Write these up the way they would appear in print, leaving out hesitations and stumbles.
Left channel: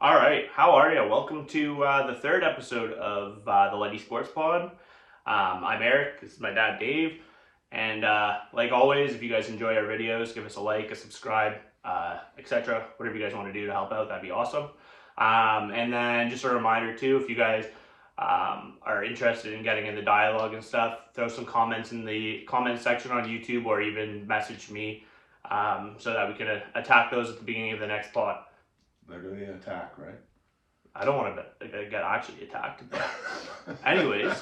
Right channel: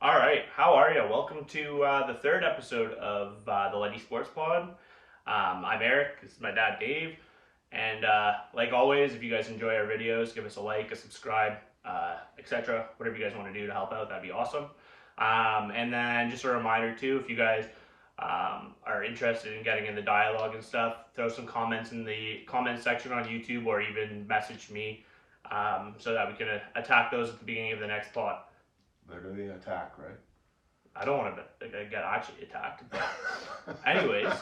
All right, how are you? Welcome to the third episode of the LightySportsPod. I'm Eric. This is my dad, Dave. And like always, if you guys enjoy our videos, give us a like, a subscribe, etc. Whatever you guys want to do to help out, that'd be awesome. And then just a reminder too, if you guys are interested in getting in the dialogue and stuff, throw some comments in the comment section on YouTube or even message me so that we can attack those at the beginning of the next pod. Literally attack, right? I don't want to get actually attacked. But anyways,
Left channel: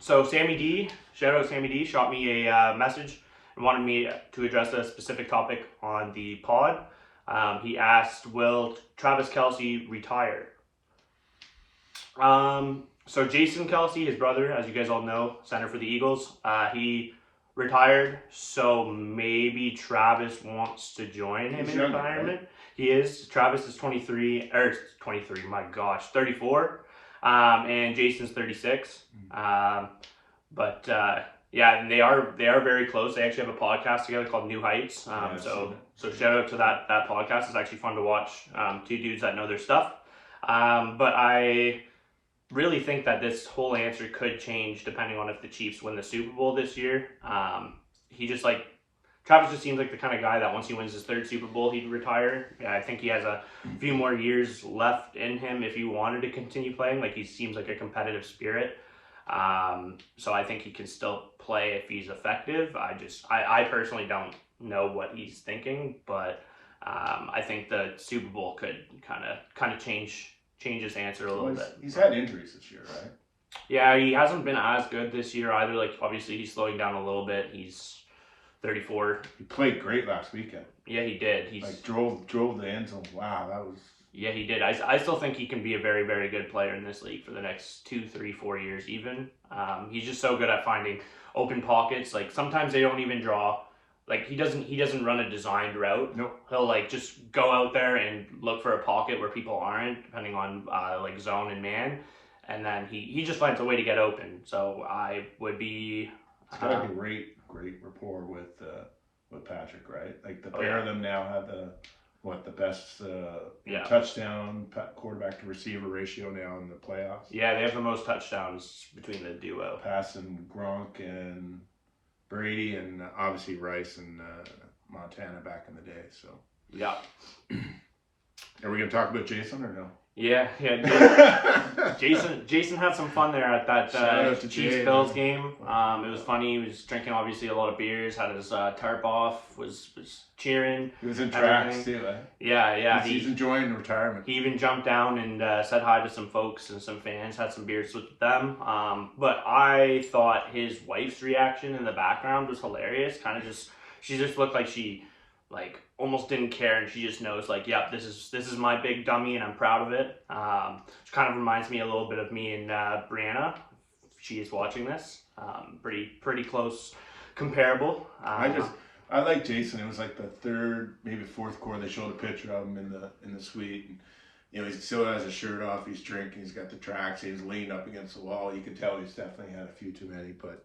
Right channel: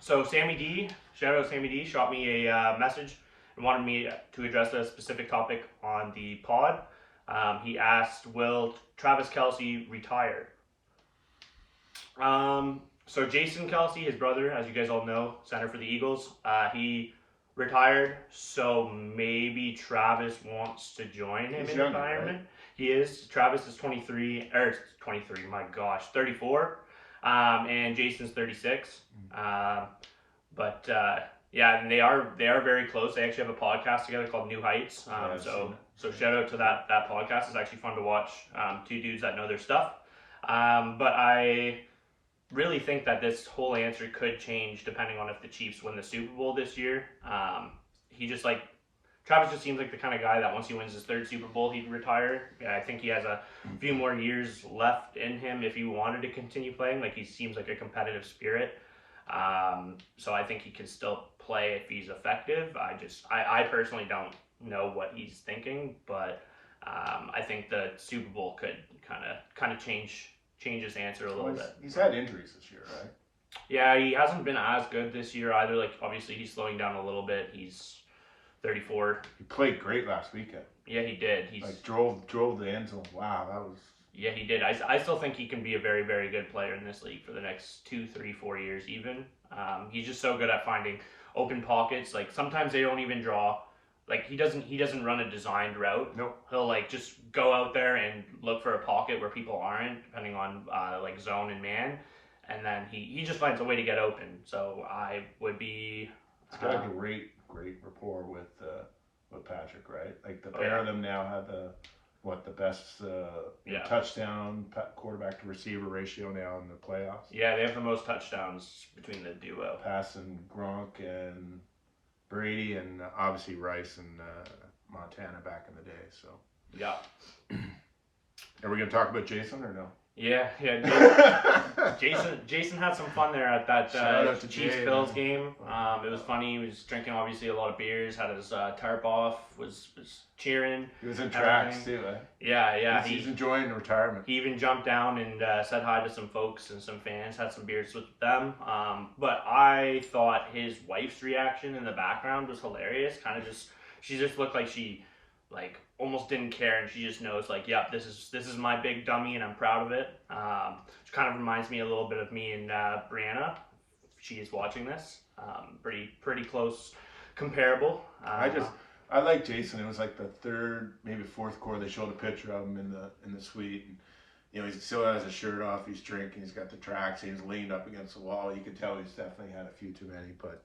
so Sammy D, shout out Sammy D, shot me a message and wanted me to address a specific topic on the pod. He asked, will Travis Kelce retire? So Jason Kelce, his brother, as you guys all know, center for the Eagles, he retired. So maybe Travis wants to join him in retirement. Right? He is. Travis is 23, my gosh, 34. And Jason's 36. Yeah, and they are very close. They actually have a podcast together called New Heights. So shout out to that podcast. It's actually fun to watch. Two dudes that know their stuff. But I really think that this whole answer could change depending on if the Chiefs win the Super Bowl this year. Travis just seems like the kind of guy that once he wins his third Super Bowl, he'd retire. Yeah, I think he has a few more years left in him if he wanted to continue playing. Like, he seems like a competitive spirit. So I think he can still play if he's effective. I personally don't know what he's thinking, but I think the Super Bowl could kind of change his answer a little bit. He's had injuries this year, right? Yeah, he hasn't been as good this year either. Like, obviously he's slowing down a little bit. He's 34. He played great last weekend. Yeah, he did. He's drove the end zone. Wow, that was. Yeah, he did. I still think he can be a very, very good player in this league for the next 2, 3, 4 years even. He's just so good at finding open pockets. Like, sometimes they don't even draw. Like, he doesn't run a designed route. Nope. He'll like just go out there and look for a pocket where people aren't, depending on like zone and man, and then he just finds a way to get open. So I would be. He's got a great rapport with Patrick, right? Like, the pair of them now have the best touchdown quarterback to receiver ratio now in the playoffs. Yeah, they have the most touchdowns between the duo. Passing Gronk and Brady, and obviously Rice and Montana back in the day. So yeah. Are we gonna talk about Jason or no? Yeah. Jason had some fun there at that Chiefs Bills game. It was funny. He was drinking obviously a lot of beers, had his tarp off, was cheering. He was in tracks too, eh? Yeah. He's enjoying retirement. He even jumped down and said hi to some folks and some fans, had some beers with them. But I thought his wife's reaction in the background was hilarious. She just looked like she almost didn't care, and she just knows yep, this is my big dummy and I'm proud of it. Which kind of reminds me a little bit of me and Brianna. She is watching this. Pretty close, comparable. I like Jason. It was like the third, maybe fourth quarter. They showed a picture of him in the suite, and he still has his shirt off. He's drinking. He's got the tracks. He was leaned up against the wall. You could tell he's definitely had a few too many. But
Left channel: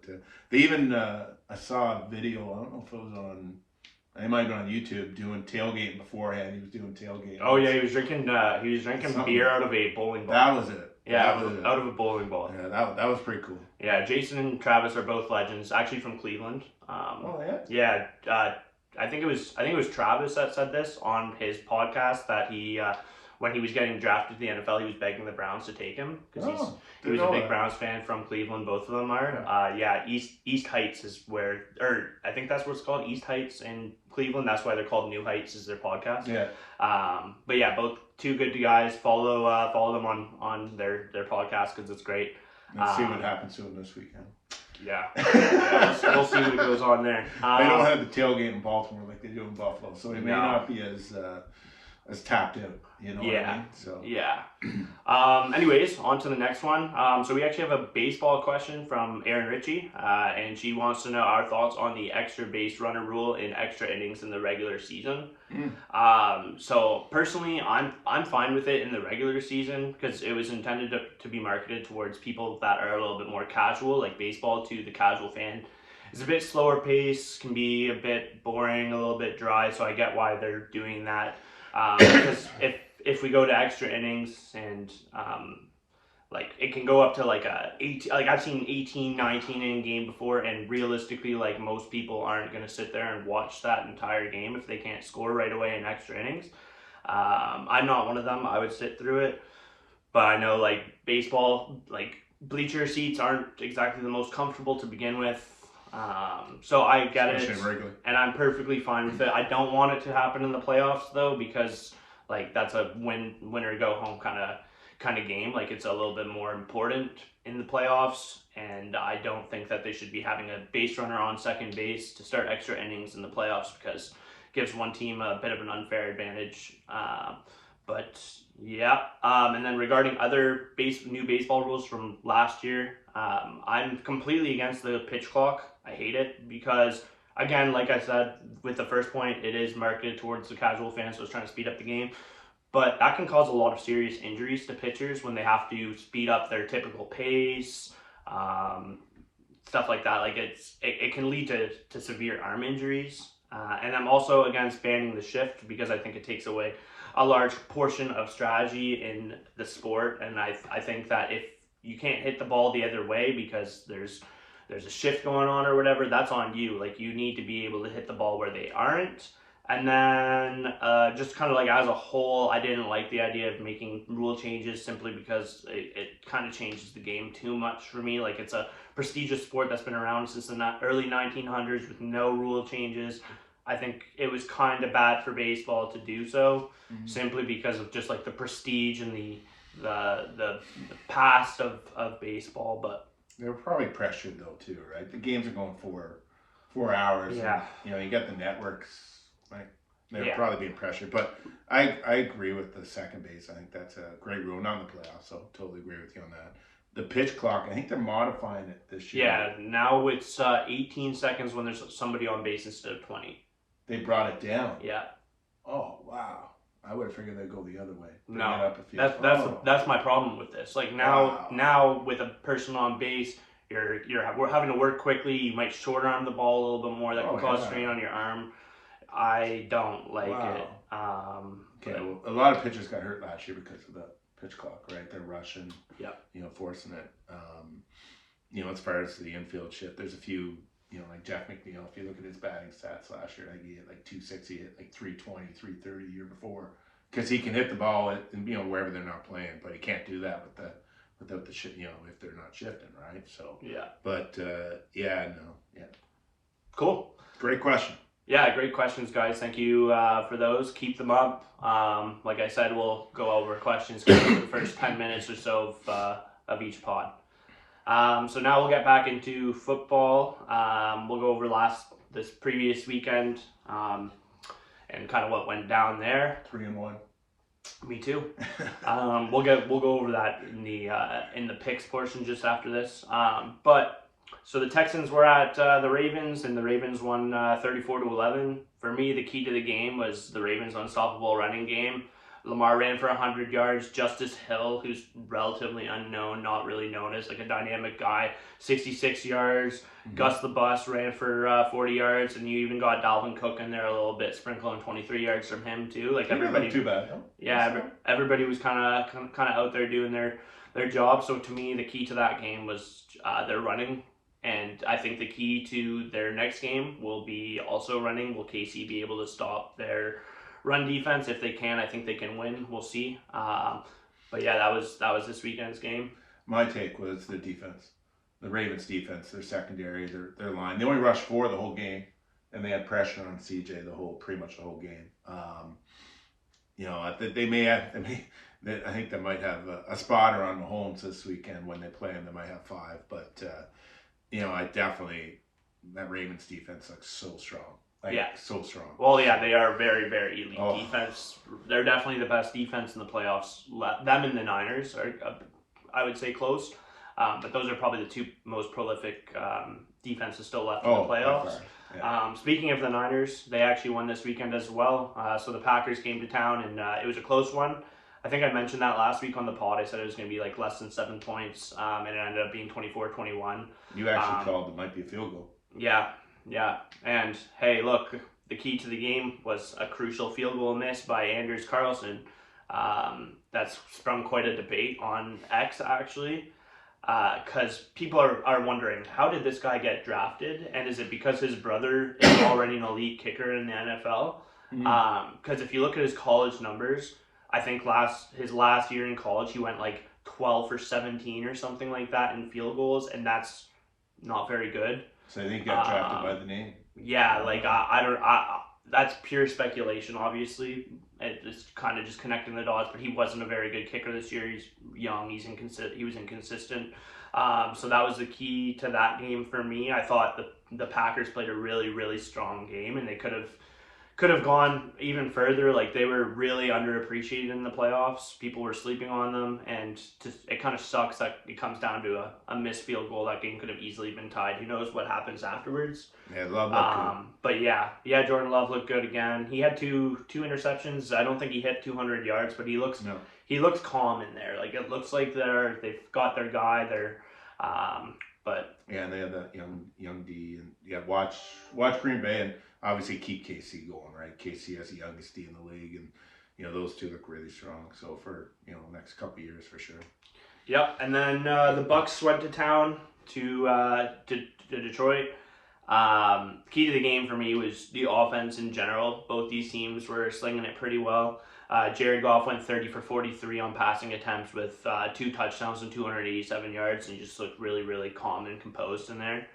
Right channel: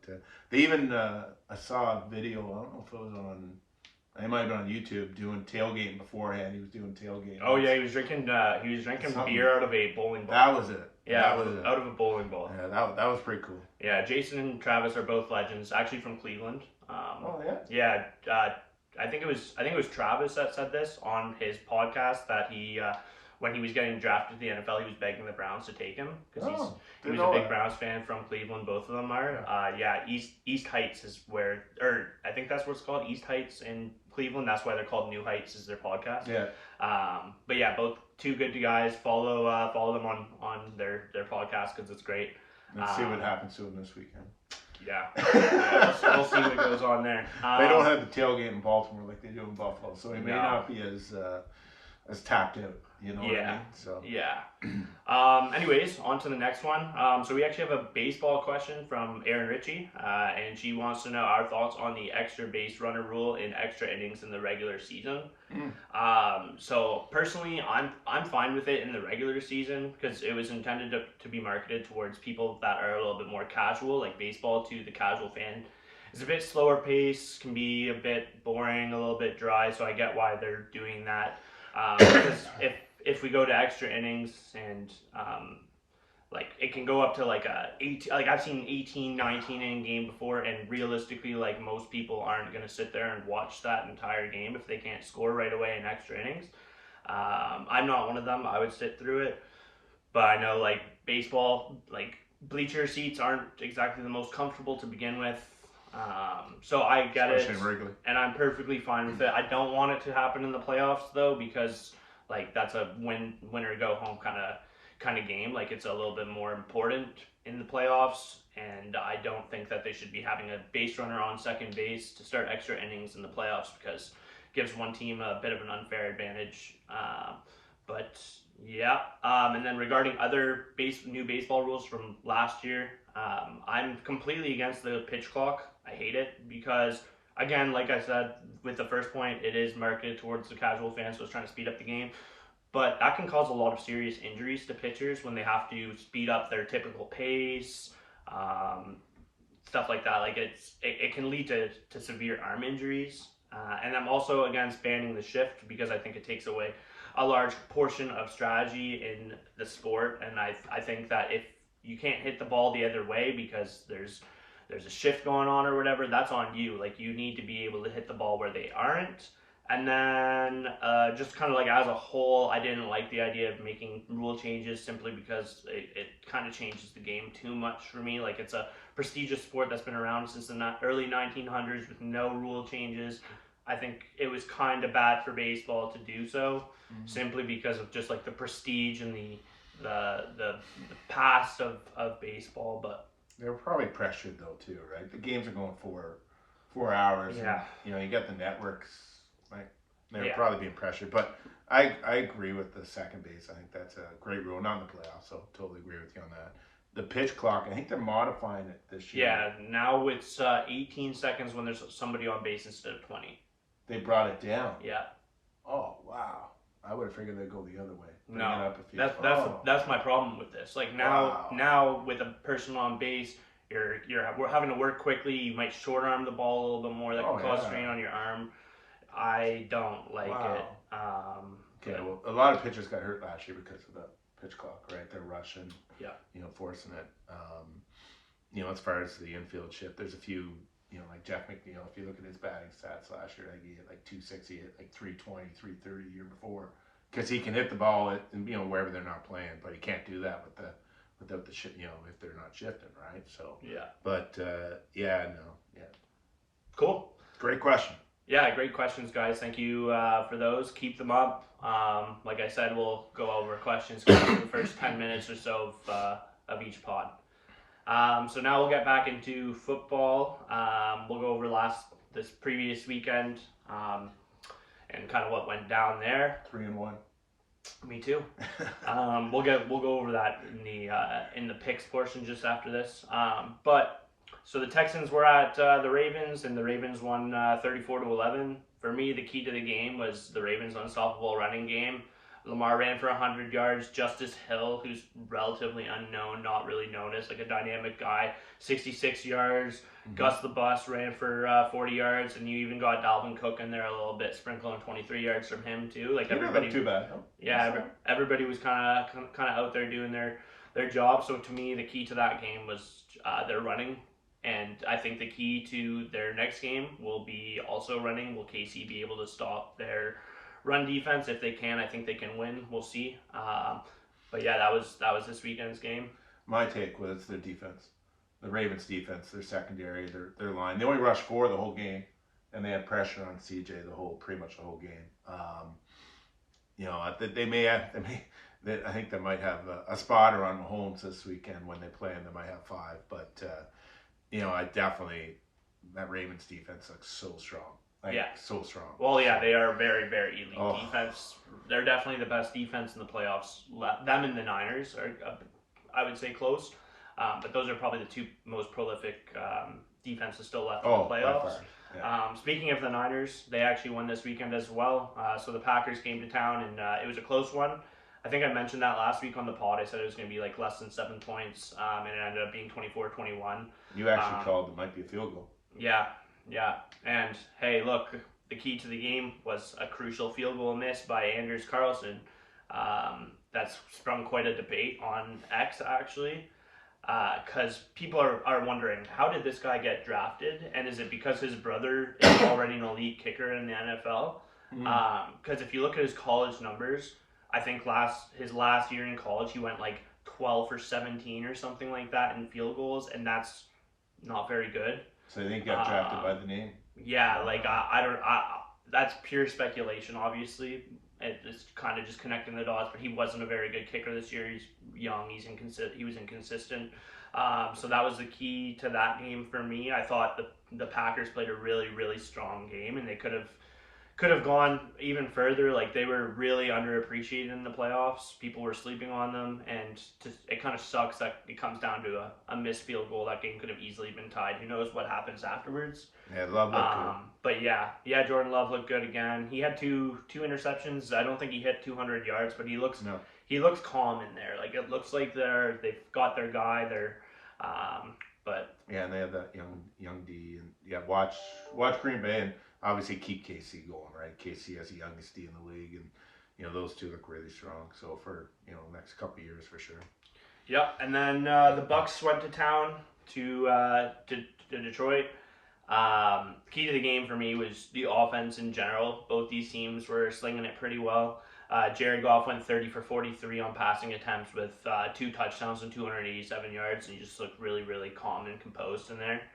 they even I saw a video. I don't know if it was on. He might have been on YouTube doing tailgate beforehand. He was doing tailgate. Oh yeah, he was drinking beer out of a bowling ball. That was it. Yeah, out of a bowling ball. Yeah, that was pretty cool. Yeah, Jason and Travis are both legends, actually from Cleveland. Yeah. Yeah, I think it was Travis that said this on his podcast that he when he was getting drafted to the NFL, he was begging the Browns to take him because he was a big Browns fan from Cleveland. Both of them are. East Heights is where, or I think that's what it's called, East Heights in Cleveland. That's why they're called New Heights, is their podcast. Yeah. But yeah, both two good guys. Follow them on their podcast because it's great. Let's see what happens to them this weekend. Yeah, we'll see what goes on there. They don't have the tailgate in Baltimore like they do in Buffalo, so it may not be as tapped out. You know what I mean? So yeah. Anyways, on to the next one. So we actually have a baseball question from Erin Ritchie, and she wants to know our thoughts on the extra base runner rule in extra innings in the regular season. So personally, I'm fine with it in the regular season because it was intended to be marketed towards people that are a little bit more casual, like baseball to the casual fan. It's a bit slower pace, can be a bit boring, a little bit dry, so I get why they're doing that. Because if we go to extra innings and like it can go up to like a 18, like I've seen 18, 19 inning game before, and realistically, like most people aren't going to sit there and watch that entire game if they can't score right away in extra innings. I'm not one of them. I would sit through it, but I know like baseball, like bleacher seats aren't exactly the most comfortable to begin with. So I get it, and I'm perfectly fine with it. I don't want it to happen in the playoffs though, because like that's a winner go home kind of game. Like it's a little bit more important in the playoffs, and I don't think that they should be having a base runner on second base to start extra innings in the playoffs, because it gives one team a bit of an unfair advantage. But yeah, and then regarding other new baseball rules from last year, I'm completely against the pitch clock. I hate it because, again, like I said, with the first point, it is marketed towards the casual fan, so it's trying to speed up the game. But that can cause a lot of serious injuries to pitchers when they have to speed up their typical pace, stuff like that. Like it can lead to severe arm injuries. And I'm also against banning the shift because I think it takes away a large portion of strategy in the sport. And I think that if you can't hit the ball the other way because there's a shift going on or whatever, that's on you. Like you need to be able to hit the ball where they aren't. And then just kind of like as a whole, I didn't like the idea of making rule changes simply because it kind of changes the game too much for me. Like it's a prestigious sport that's been around since the early 1900s with no rule changes. I think it was kind of bad for baseball to do so, simply because of just like the prestige and the past of baseball. But they were probably pressured though too, right? The games are going 4 hours. Yeah. And, you got the networks. Like they're probably being pressured, but I agree with the second base. I think that's a great rule. Not in the playoffs, so totally agree with you on that. The pitch clock, I think they're modifying it this year. Yeah, now it's 18 seconds when there's somebody on base instead of 20. They brought it down. Yeah. Oh wow! I would have figured they'd go the other way. Bring it up a few. That's my problem with this. Like now with a person on base, we're having to work quickly. You might short arm the ball a little bit more. That can cause strain on your arm. I don't like it. Okay, well, a lot of pitchers got hurt last year because of the pitch clock, right? They're rushing, forcing it. As far as the infield shift, there's a few, like Jeff McNeil, if you look at his batting stats last year, like he hit like 260, hit like 320, 330 the year before, because he can hit the ball at, wherever they're not playing, but he can't do that without the shit, if they're not shifting, right? So, but Cool. Great question. Yeah, great questions, guys. Thank you for those. Keep them up. Like I said, we'll go over questions for the first 10 minutes or so of each pod. So now we'll get back into football. We'll go over this previous weekend and kind of what went down there. 3-1. Me too. We'll go over that in the picks portion just after this. So the Texans were at the Ravens, and the Ravens won 34-11. For me, the key to the game was the Ravens' unstoppable running game. Lamar ran for 100 yards. Justice Hill, who's relatively unknown, not really known as like a dynamic guy, 66 yards. Mm-hmm. Gus the Bus ran for 40 yards, and you even got Dalvin Cook in there a little bit, sprinkling 23 yards from him too. Like everybody, not too bad. No? Yeah, everybody was kind of out there doing their job. So to me, the key to that game was their running. And I think the key to their next game will be also running. Will KC be able to stop their run defense? If they can, I think they can win. We'll see. But yeah, that was this weekend's game. My take was the defense, the Ravens defense, their secondary, their line. They only rushed 4 the whole game, and they had pressure on CJ pretty much the whole game. They may have. I think they might have a spotter on Mahomes this weekend when they play, and they might have 5. But I definitely, that Ravens defense looks so strong. So strong. Well, yeah, they are very, very elite defense. They're definitely the best defense in the playoffs. Them and the Niners are, I would say, close. But those are probably the 2 most prolific defenses still left in the playoffs. Yeah. Speaking of the Niners, they actually won this weekend as well. So the Packers came to town, and it was a close one. I think I mentioned that last week on the pod. I said it was going to be like less than 7 points, and it ended up being 24-21. You actually called it might be a field goal. Yeah. And hey, look, the key to the game was a crucial field goal miss by Anders Carlson. That's sprung quite a debate on X, actually, because people are wondering, how did this guy get drafted? And is it because his brother is already an elite kicker in the NFL? Because if you look at his college numbers, I think his last year in college, he went like 12 for 17 or something like that in field goals, and that's not very good. So I think he got drafted by the name. Yeah, like that's pure speculation, obviously. It's kind of just connecting the dots, but he wasn't a very good kicker this year. He's young, he was inconsistent. So that was the key to that game for me. I thought the Packers played a really, really strong game, and they could have gone even further. Like, they were really underappreciated in the playoffs. People were sleeping on them, and it kind of sucks that it comes down to a missed field goal. That game could have easily been tied. Who knows what happens afterwards? Yeah, Love looked good. But yeah, Jordan Love looked good again. He had two interceptions. I don't think he hit 200 yards, but he looks calm in there. Like, it looks like they've got their guy. But yeah, and they had that young D, and watch Green Bay and obviously keep KC going, right? KC has the youngest D in the league, and those two look really strong. So for next couple of years for sure. Yep, and then the Bucks went to town to Detroit. Key to the game for me was the offense in general. Both these teams were slinging it pretty well. Jared Goff went 30 for 43 on passing attempts with 2 touchdowns and 287 yards, and he just looked really, really calm and composed in there.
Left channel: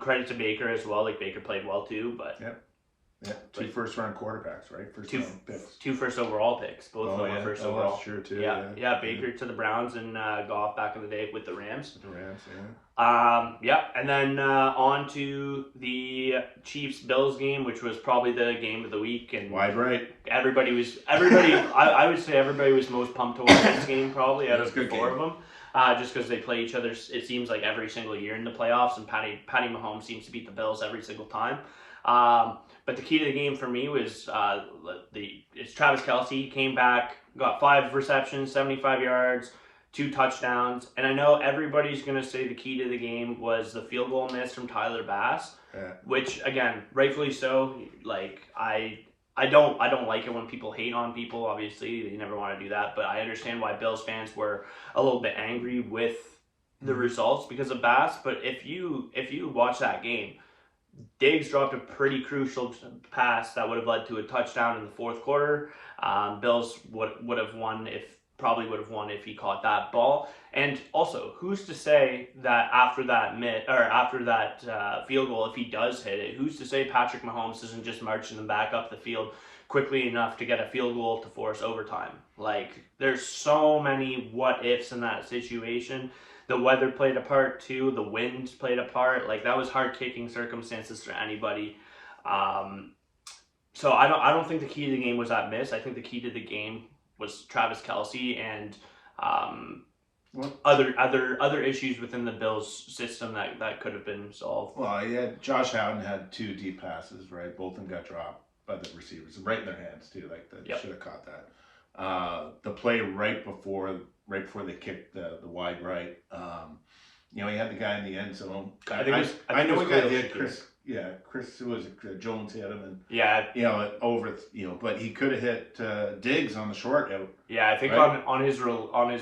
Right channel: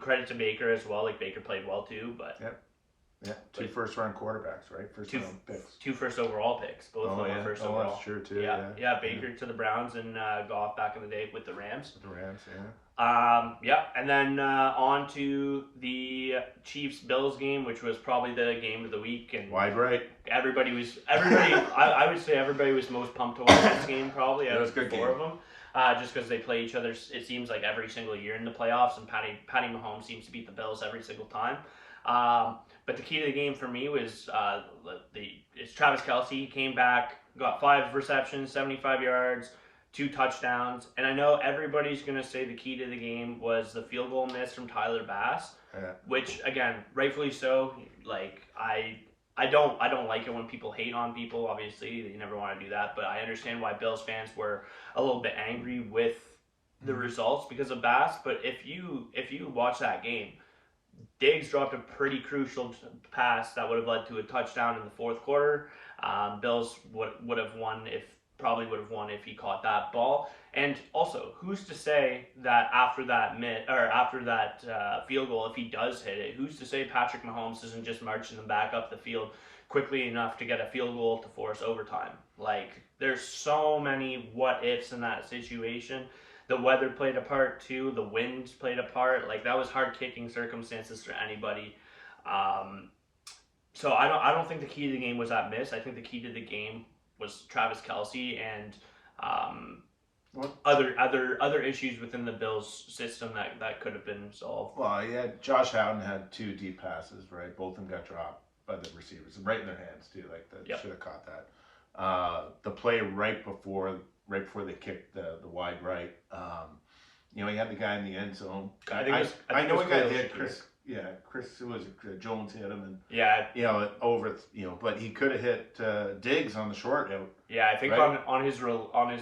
Credit to Baker as well. Like, Baker played well too, but two first-round quarterbacks, right? First-round picks. 2 first overall picks. Both of them were first overall. That's true too. Yeah. Baker to the Browns and Goff back in the day with the Rams. Yeah. And then on to the Chiefs-Bills game, which was probably the game of the week. And wide right. Everybody. I would say everybody was most pumped to watch this game, probably out of the 4 of them. Just because they play each other, it seems like every single year in the playoffs, and Patty Mahomes seems to beat the Bills every single time. But the key to the game for me was it's Travis Kelce. He came back, got 5 receptions, 75 yards, 2 touchdowns, and I know everybody's gonna say the key to the game was the field goal miss from Tyler Bass, which again, rightfully so. Like, I don't like it when people hate on people. Obviously, you never want to do that, but I understand why Bills fans were a little bit angry with the results because of Bass. But if you watch that game, Diggs dropped a pretty crucial pass that would have led to a touchdown in the 4th quarter. Bills would have won if he caught that ball. And also, who's to say that after that field goal, if he does hit it, who's to say Patrick Mahomes isn't just marching them back up the field quickly enough to get a field goal to force overtime? Like, there's so many what ifs in that situation. The weather played a part too. The winds played a part. Like, that was hard kicking circumstances for anybody. So I don't think the key to the game was that miss. I think the key to the game was Travis Kelce and other issues within the Bills system that could have been solved. Well, Josh Allen had 2 deep passes, right? Both of them got dropped by the receivers, right in their hands too. Like, that should have caught that. The play right before they kicked the wide right, he had the guy in the end zone. I know he got hit. Chris Jones hit him, and but he could have hit Diggs on the short out. Yeah, I think on his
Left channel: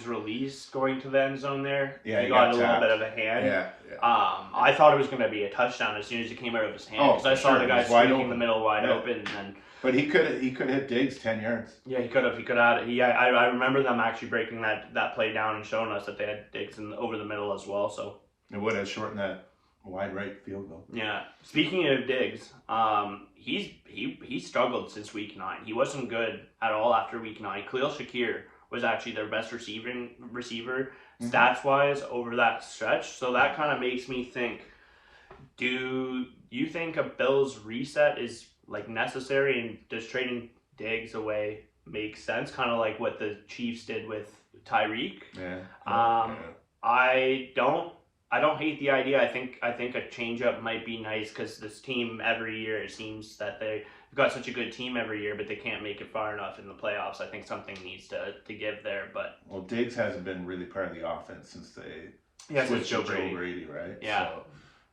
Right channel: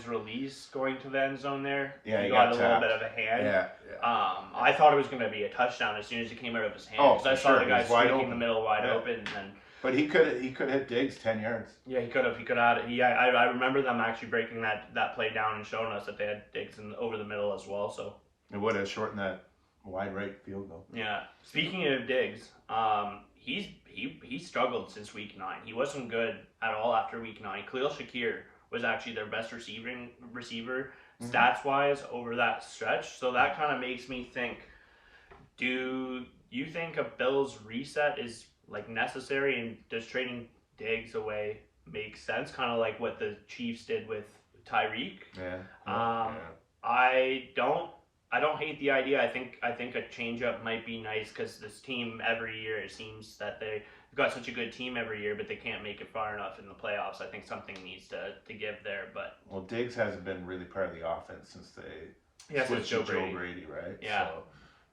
release going to the end zone there, he got a little bit of a hand. Yeah. I thought it was going to be a touchdown as soon as it came out of his hand. Because I saw the guy sneaking in the middle wide open, and then. But he could have hit Diggs 10 yards. Yeah, he could have had it. I remember them actually breaking that play down and showing us that they had Diggs over the middle as well. So it would have shortened that wide right field goal. Yeah. Speaking of Diggs, he struggled since week 9. He wasn't good at all after week 9. Khalil Shakir was actually their best receiver stats wise over that stretch. So that kind of makes me think: do you think a Bills reset is necessary, and does trading Diggs away make sense? Kind of like what the Chiefs did with Tyreek. I don't hate the idea. I think a change up might be nice, because this team every year, it seems that they've got such a good team every year, but they can't make it far enough in the playoffs. I think something needs to give there. But Diggs hasn't been really part of the offense since they switched to Joe Brady, right? Yeah.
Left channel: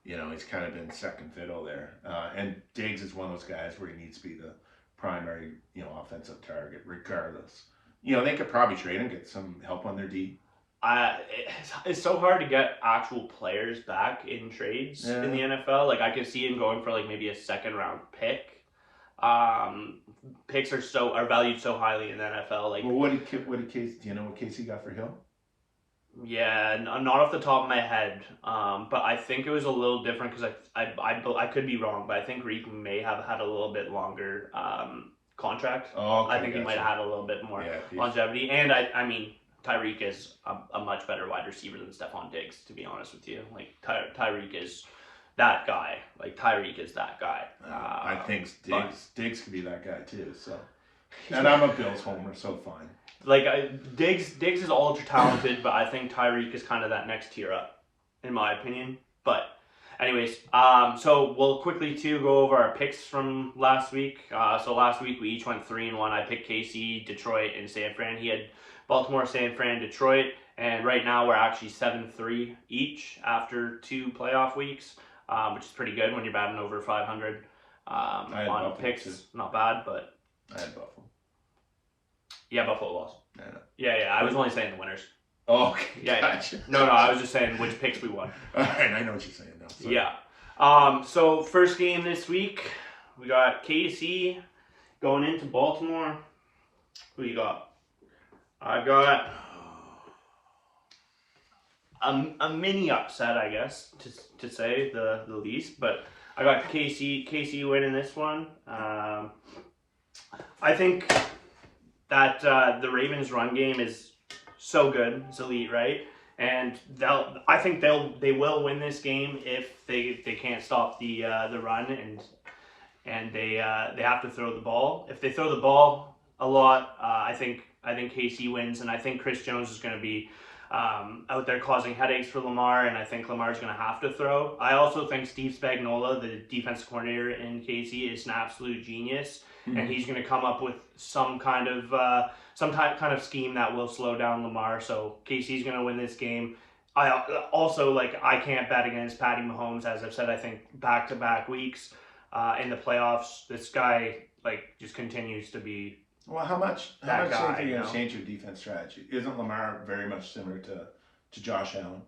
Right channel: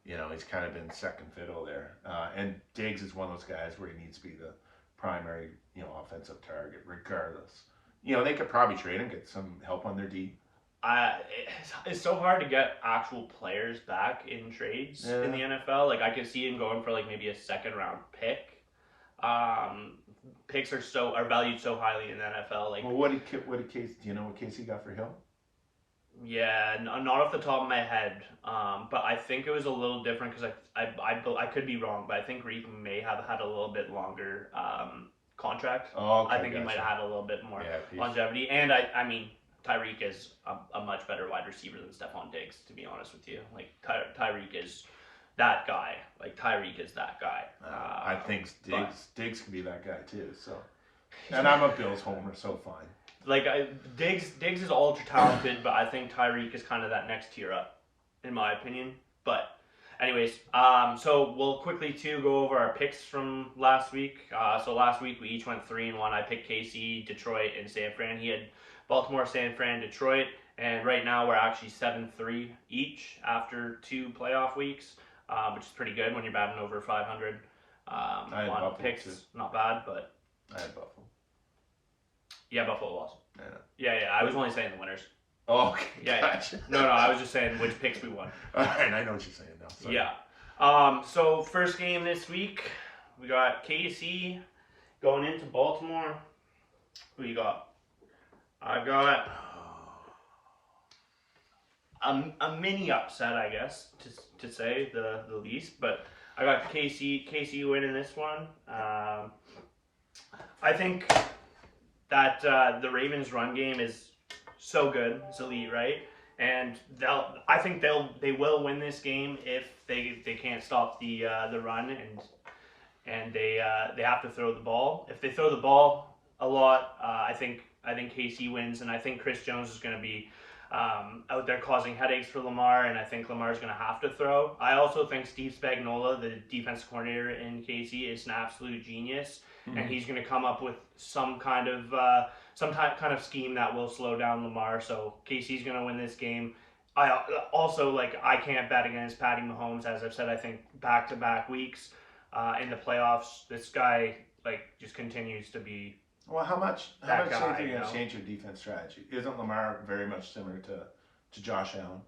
he's kind of been second fiddle there. And Diggs is one of those guys where he needs to be the primary, offensive target regardless. They could probably trade him, get some help on their D. It's so hard to get actual players back in trades in the NFL. Like, I could see him going for like maybe a second round pick. Picks are valued so highly in the NFL. Like, well, what did Casey? Do you know what Casey got for Hill? Yeah, not off the top of my head. But I think it was a little different because I could be wrong, but I think Reek may have had a little bit longer contract. Oh, okay, I think he might have had a little bit more longevity, and I mean. Tyreek is a much better wide receiver than Stephon Diggs, to be honest with you. Like, Tyreek is that guy. Like, Tyreek is that guy. I think Diggs could be that guy too. So, and I'm a Bills homer, so fine. Like, Diggs is ultra talented, but I think Tyreek is kind of that next tier up, in my opinion. But, anyways, so we'll quickly too go over our picks from last week. So last week we each went 3-1. I picked KC, Detroit, and San Fran. He had Baltimore, San Fran, Detroit, and right now we're actually 7-3 each after 2 playoff weeks, which is pretty good when you're batting over 500 on picks. Too. Not bad, but I had Buffalo. Yeah, Buffalo lost. Yeah. I was only saying the winners. Oh, okay. Yeah, gotcha. No, I was just saying which picks we won. All right, I know what you're saying now. Sorry. Yeah. So first game this week, we got KC going into Baltimore. Who you got? I got a mini upset, I guess, to say the least. But I got KC winning this one. I think that the Ravens' run game is so good. It's elite, right? And I think they will win this game if they can't stop the run and they have to throw the ball. If they throw the ball a lot, I think KC wins, and I think Chris Jones is going to be out there causing headaches for Lamar, and I think Lamar's going to have to throw. I also think Steve Spagnuolo, the defensive coordinator in KC, is an absolute genius, and he's going to come up with some kind of scheme that will slow down Lamar. So KC's going to win this game. I can't bet against Patty Mahomes, as I've said. I think back-to-back weeks in the playoffs, this guy just continues to be. Well, how much do you think you're going to change your defense strategy? Isn't Lamar very much similar to Josh Allen?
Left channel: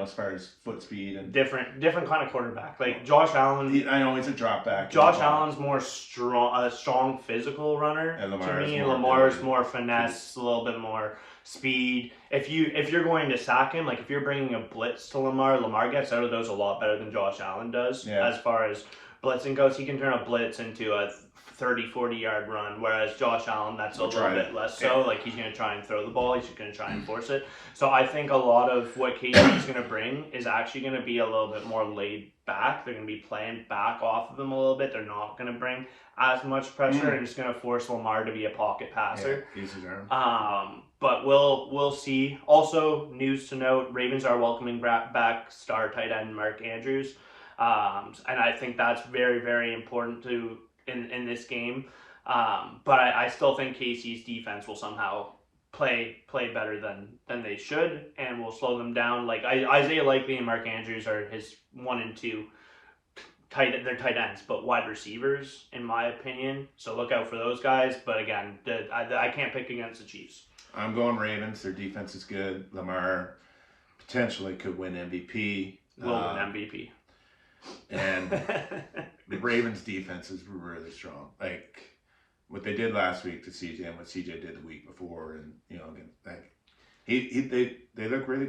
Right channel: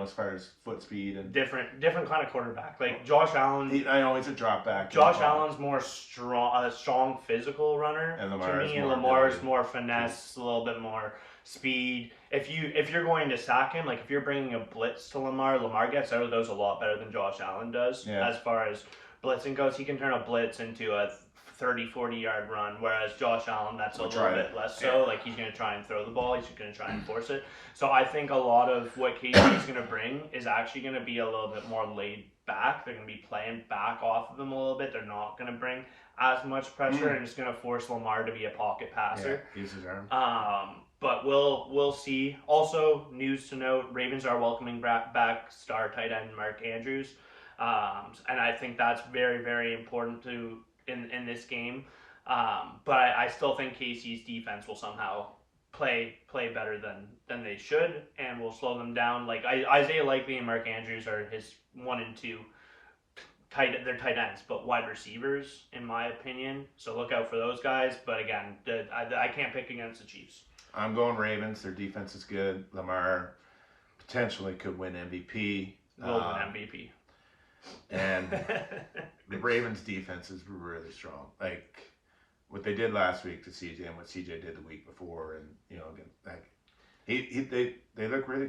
As far as foot speed and different kind of quarterback. Like Josh Allen, I know he's a drop back. Josh Allen's more strong physical runner. And Lamar's more finesse, a little bit more speed. If you're going to sack him, like if you're bringing a blitz to Lamar gets out of those a lot better than Josh Allen does. Yeah. As far as blitzing goes, he can turn a blitz into a 30-40 yard run, whereas Josh Allen, that's a little bit less so. Like, he's going to try and throw the ball, he's going to try and force it. So I think a lot of what KC is going to bring is actually going to be a little bit more laid back. They're going to be playing back off of him a little bit. They're not going to bring as much pressure and just going to force Lamar to be a pocket passer. Yeah, use his arm. But we'll see. Also, news to note, Ravens are welcoming back star tight end Mark Andrews. And I think that's very, very important in this game, but I still think KC's defense will somehow play better than they should, and will slow them down. Like Isaiah Likely and Mark Andrews are his 1 and 2 they're tight ends, but wide receivers in my opinion. So look out for those guys. But again, I can't pick against the Chiefs. I'm going Ravens. Their defense is good. Lamar potentially could win MVP. Will win MVP. And the Ravens' defense is really strong. Like what they did last week to CJ and what CJ did the week before, and they look really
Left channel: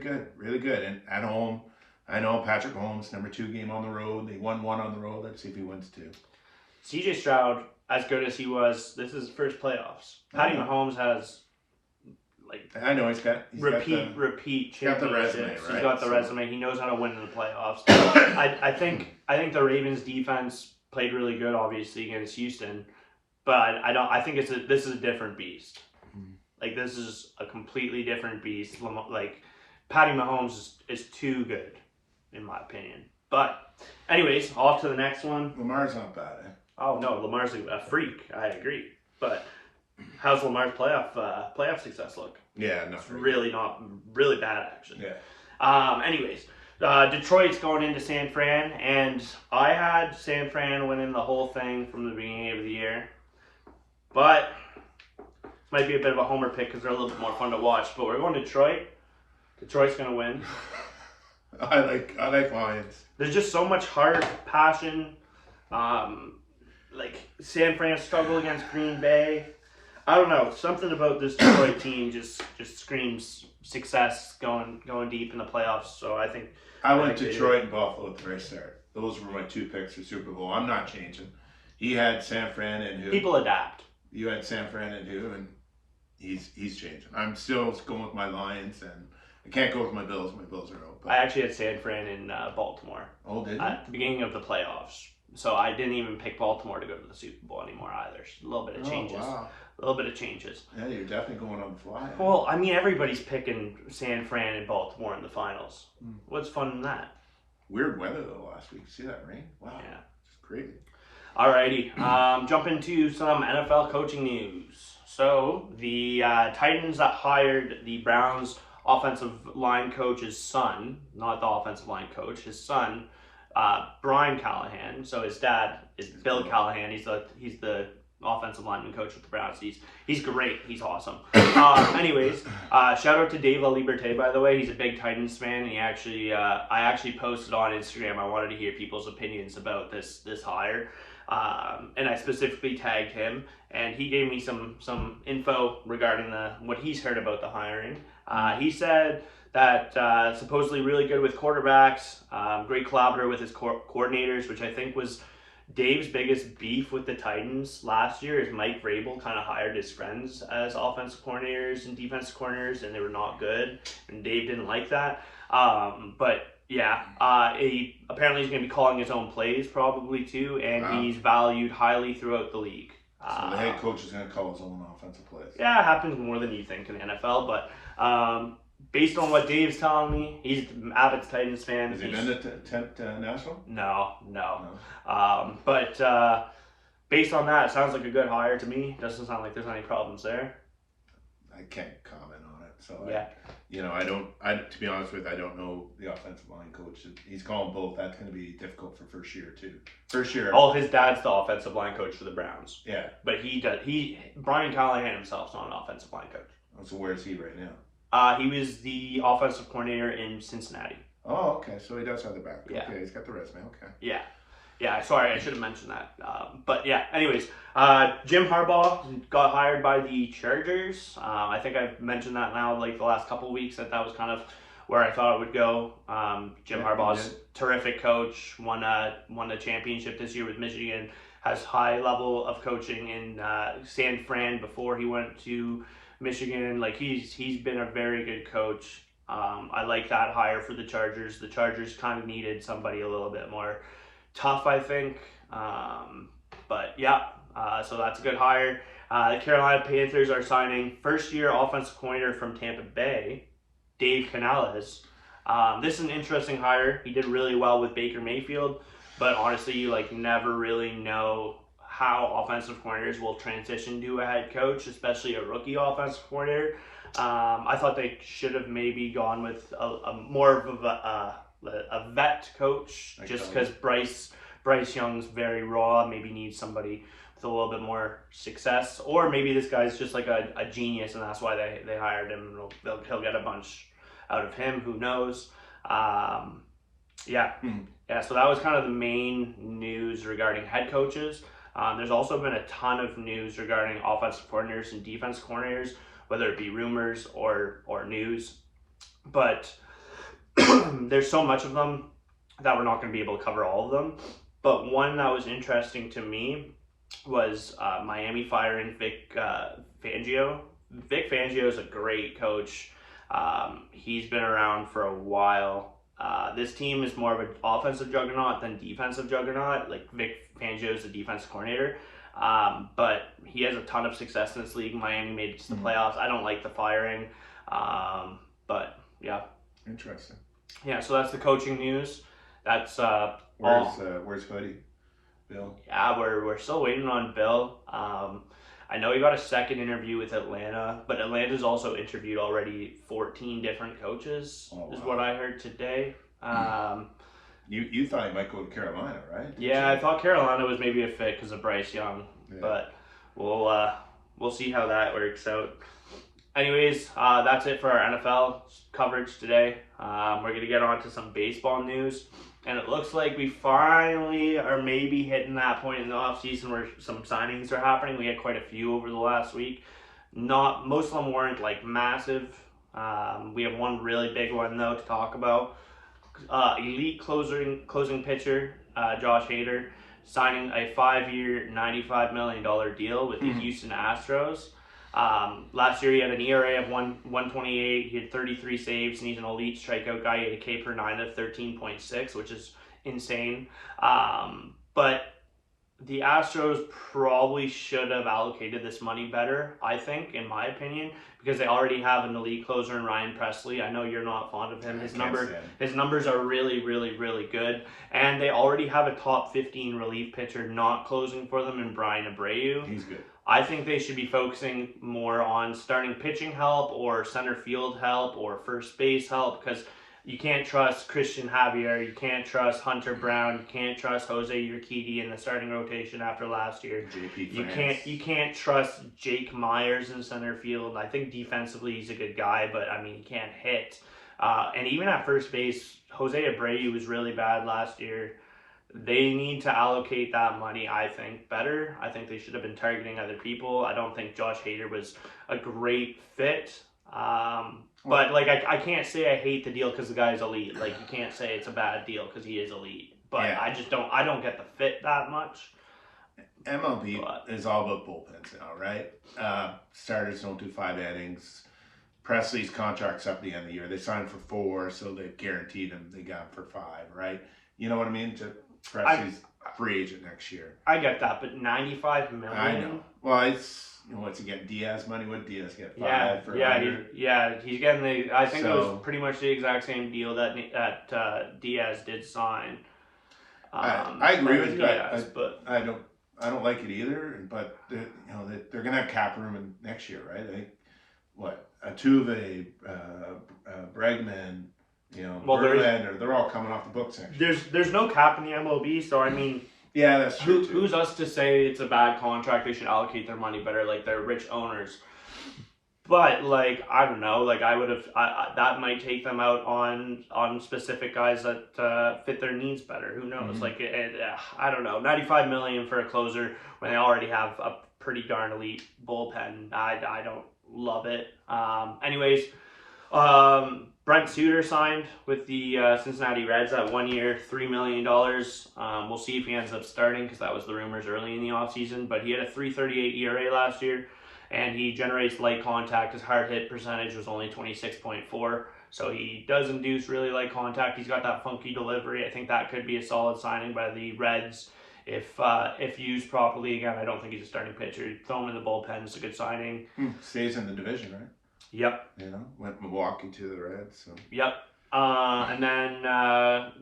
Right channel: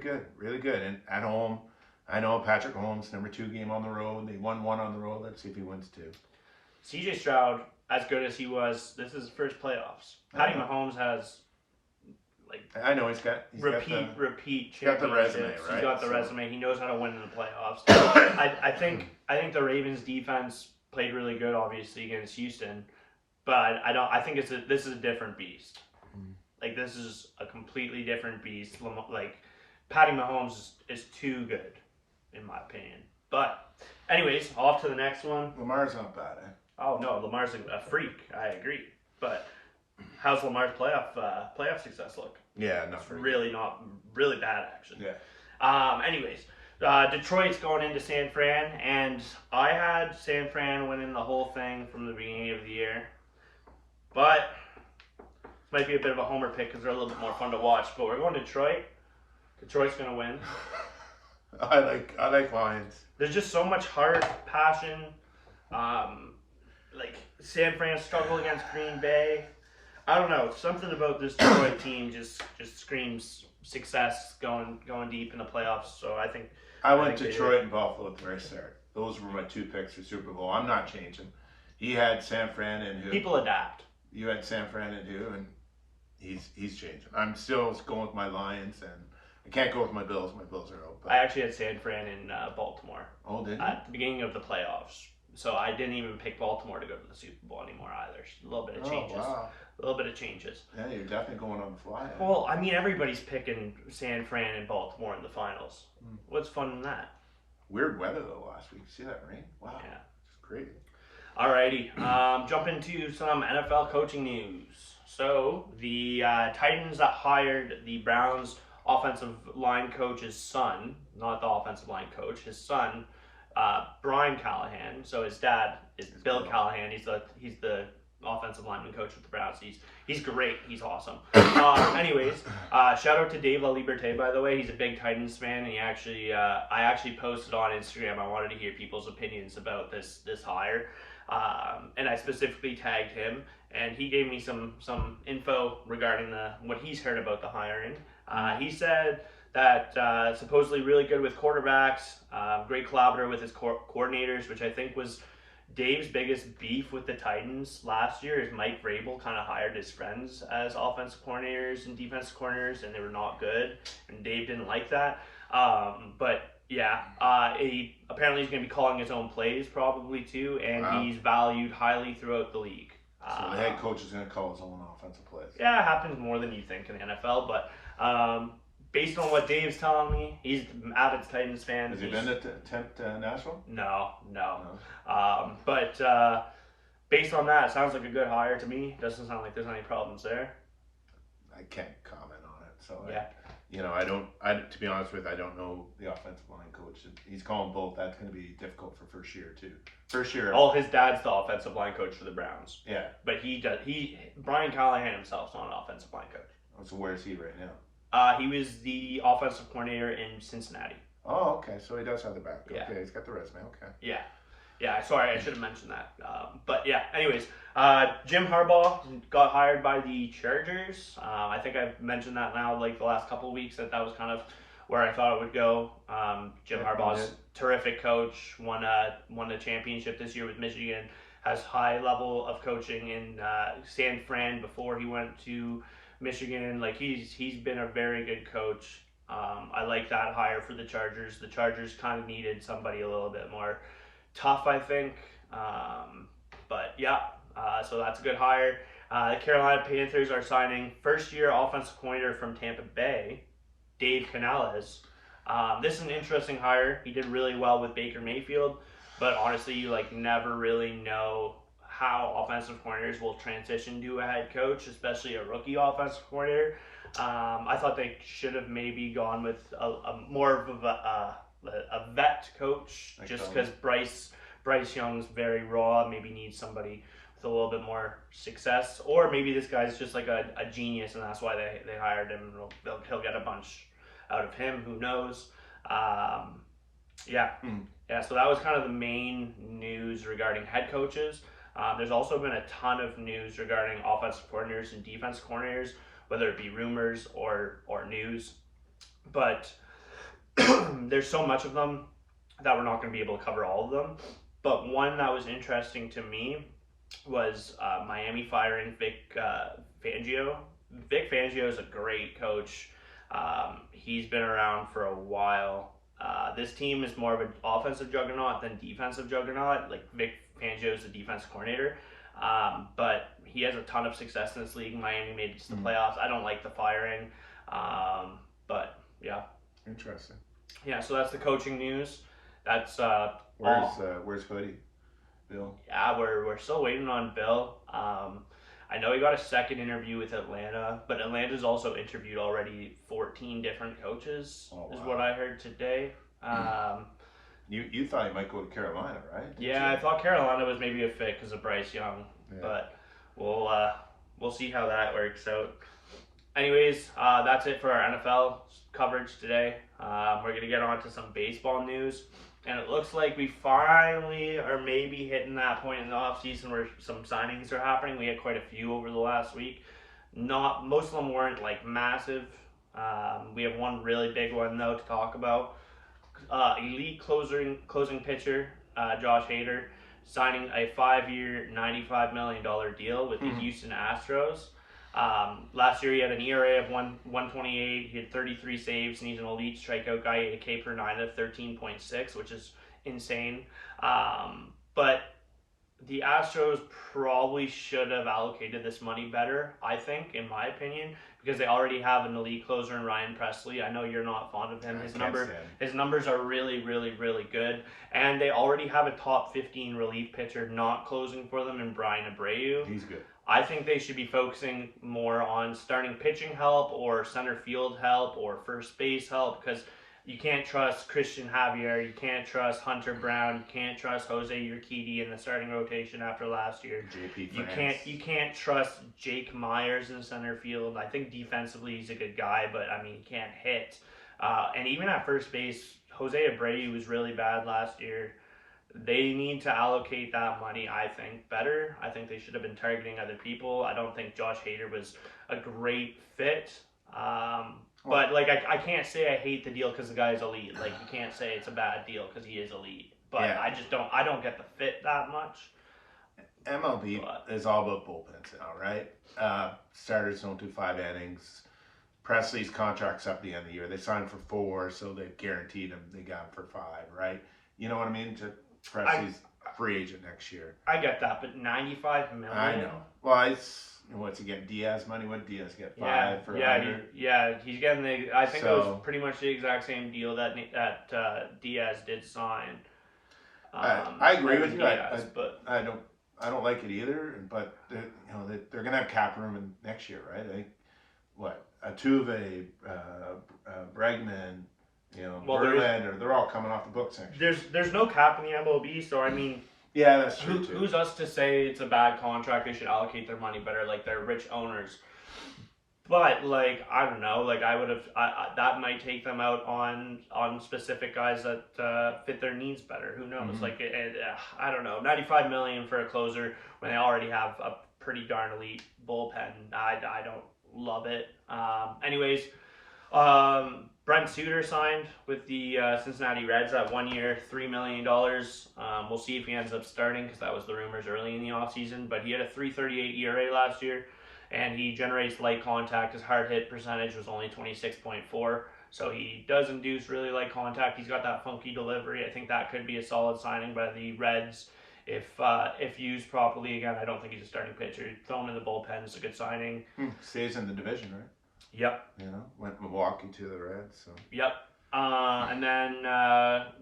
good. And at home, I know Patrick Mahomes, number 2 game on the road. They won 1 on the road. Let's see if he wins 2. CJ Stroud, as good as he was, this is his first playoffs. Patty Mahomes has. I know he's got repeat. He's got the resume, right? He's got the resume. He knows how to win in the playoffs. I think the Ravens defense played really good, obviously against Houston, but I think this is a different beast. Like, this is a completely different beast. Like, Patty Mahomes is too good, in my opinion. But anyways, off to the next one. Lamar's not bad. Oh no, Lamar's a freak. I agree, but. How's Lamar's playoff success look? Yeah, not really bad actually. Yeah. Anyways, Detroit's going into San Fran, and I had San Fran winning the whole thing from the beginning of the year. But might be a bit of a homer pick because they're a little bit more fun to watch. But we're going to Detroit. Detroit's going to win. I like Lions. There's just so much heart, passion. Like San Fran struggle against Green Bay. I don't know. Something about this Detroit team just screams success going deep in the playoffs. So I think I went Detroit and Buffalo at the very start. Those were my 2 picks for Super Bowl. I'm not changing. He had San Fran and who? People adapt. You had San Fran and who? And he's changing. I'm still going with my Lions, and I can't go with my Bills. My Bills are out. But I actually had San Fran in Baltimore. Oh, did you? At the beginning of the playoffs. So I didn't even pick Baltimore to go to the Super Bowl anymore either. A little bit of changes. Wow. A little bit of changes. Yeah, you're definitely going on the fly. Well, I mean, everybody's picking San Fran and Baltimore in the finals. Hmm. What's fun in that? Weird weather though last week. See that rain? Wow. Yeah. It's crazy. Alrighty. Jump into some NFL coaching news. So the Titans that hired the Browns offensive line coach's son, not the offensive line coach, his son, Brian Callahan. So his dad is Bill Callahan. He's the offensive lineman coach with the Browns. He's great. He's awesome. Anyways, shout out to Dave LaLiberte, by the way. He's a big Titans fan. And I actually posted on Instagram. I wanted to hear people's opinions about this hire, and I specifically tagged him, and he gave me some info regarding what he's heard about the hiring. He said that supposedly really good with quarterbacks, great collaborator with his coordinators, which I think was Dave's biggest beef with the Titans last year. Is Mike Vrabel kind of hired his friends as offensive coordinators and defensive coordinators, and they were not good, and Dave didn't like that. But yeah, apparently he's going to be calling his own plays probably too, and he's valued highly throughout the league. So the head coach is going to call his own offensive plays. Yeah, it happens more than you think in the NFL, but based on what Dave's telling me, he's an avid Titans fan. Has he been at Nashville? No. But based on that, it sounds like a good hire to me. Doesn't sound like there's any problems there. I can't comment on it. So yeah. To be honest with you, I don't know the offensive line coach. He's calling both. That's going to be difficult for first year too. First year. Oh, his dad's the offensive line coach for the Browns. Yeah. But Brian Callahan himself's not an offensive line coach. So where is he right now? He was the offensive coordinator in Cincinnati. Oh, okay. So he does have the back. Yeah. Okay, he's got the resume. Okay. Yeah. Sorry, I should have mentioned that. But yeah. Anyways, Jim Harbaugh got hired by the Chargers. I think I've mentioned that now, like the last couple of weeks, that was kind of where I thought it would go. Jim Harbaugh's terrific coach. Won the championship this year with Michigan. Has high level of coaching in San Fran before he went to Michigan. Like he's been a very good coach. I like that hire for the Chargers. The Chargers kind of needed somebody a little bit more tough, I think. But yeah, so that's a good hire. The Carolina Panthers are signing first-year offensive coordinator from Tampa Bay, Dave Canales. This is an interesting hire. He did really well with Baker Mayfield, but honestly, you never really know how offensive coordinators will transition to a head coach, especially a rookie offensive coordinator. I thought they should have maybe gone with a more of a vet coach, just because Bryce Young's very raw. Maybe needs somebody with a little bit more success, or maybe this guy's just like a genius, and that's why they hired him. He'll get a bunch out of him. Who knows? Yeah. So that was kind of the main news regarding head coaches. There's also been a ton of news regarding offensive coordinators and defense coordinators, whether it be rumors or news. But there's so much of them that we're not going to be able to cover all of them. But one that was interesting to me was Miami firing Vic Fangio. Vic Fangio is a great coach. He's been around for a while. This team is more of an offensive juggernaut than defensive juggernaut. Like Vic Fangio is the defensive coordinator, but he has a ton of success in this league. Miami made it to the playoffs. I don't like the firing, but yeah. Interesting. Yeah, so that's the coaching news. That's where's Hoodie, Bill? Yeah, we're still waiting on Bill. I know he got a second interview with Atlanta, but Atlanta's also interviewed already 14 different coaches, is what I heard today. You thought he might go to Carolina, right? Yeah, I thought Carolina was maybe a fit because of Bryce Young, Yeah. but we'll see how that works out. Anyways, that's it for our NFL coverage today. We're gonna get on to some baseball news, and it looks like we finally are maybe hitting that point in the off season where some signings are happening. We had quite a few over the last week. Not most of them weren't like massive. We have one really big one though to talk about. Elite closing pitcher Josh Hader signing a 5-year, $95 million deal with the Houston Astros. Last year he had an ERA of 1.28. He had 33 saves, and he's an elite strikeout guy. He had a K per 9 of 13.6, which is insane. But the Astros probably should have allocated this money better, I think, in my opinion, because they already have an elite closer in Ryan Presley. I know you're not fond of him. His numbers are really, really, really good. And they already have a top 15 relief pitcher not closing for them in Brian Abreu. He's good. I think they should be focusing more on starting pitching help or center field help or first base help, because you can't trust Christian Javier, you can't trust Hunter Brown, you can't trust Jose Urquidy in the starting rotation after last year. You can't trust Jake Myers in center field. I think defensively he's a good guy, but I mean he can't hit. And even at first base, Jose Abreu was really bad last year. They need to allocate that money, I think, better. I think they should have been targeting other people. I don't think Josh Hader was a great fit. But like I can't say I hate the deal because the guy is elite. Like you can't say it's a bad deal because he is elite. But yeah. I don't get the fit that much. MLB is all about bullpens now, right? Starters don't do 5 innings. Presley's contract's up at the end of the year. They signed for 4, so they've guaranteed him they got him for 5, right? You know what I mean? Presley's free agent next year. I get that, but $95 million. I know. Well, it's what's he get? Diaz money? What Diaz get? 5 for 100? He's getting the. I think it was pretty much the exact same deal that Diaz did sign. I agree with you. But I don't like it either. But they're gonna have cap room next year, right? I think Altuve, Bregman. Verlander, they're all coming off the books next year. There's no cap in the MLB, so I mean, yeah, that's true. Who's us to say it's a bad contract? They should allocate their money better. Like they're rich owners, but like I don't know. Like I would have that might take them out on specific guys that fit their needs better. Who knows? Mm-hmm. Like I don't know. $95 million for a closer when they already have a pretty darn elite bullpen. I don't love it. Anyways. Brent Suter signed with the Cincinnati Reds at 1 year, $3 million. We'll see if he ends up starting because that was the rumors early in the offseason. But he had a 3.38 ERA last year, and he generates light contact. His hard hit percentage was only 26.4, so he does induce really light contact. He's got that funky delivery. I think that could be a solid signing by the Reds if used properly. Again, I don't think he's a starting pitcher. Throw him in the bullpen. It's a good signing. Stays in the division, right? Yep. Went Milwaukee to the Reds. So. Yep. And then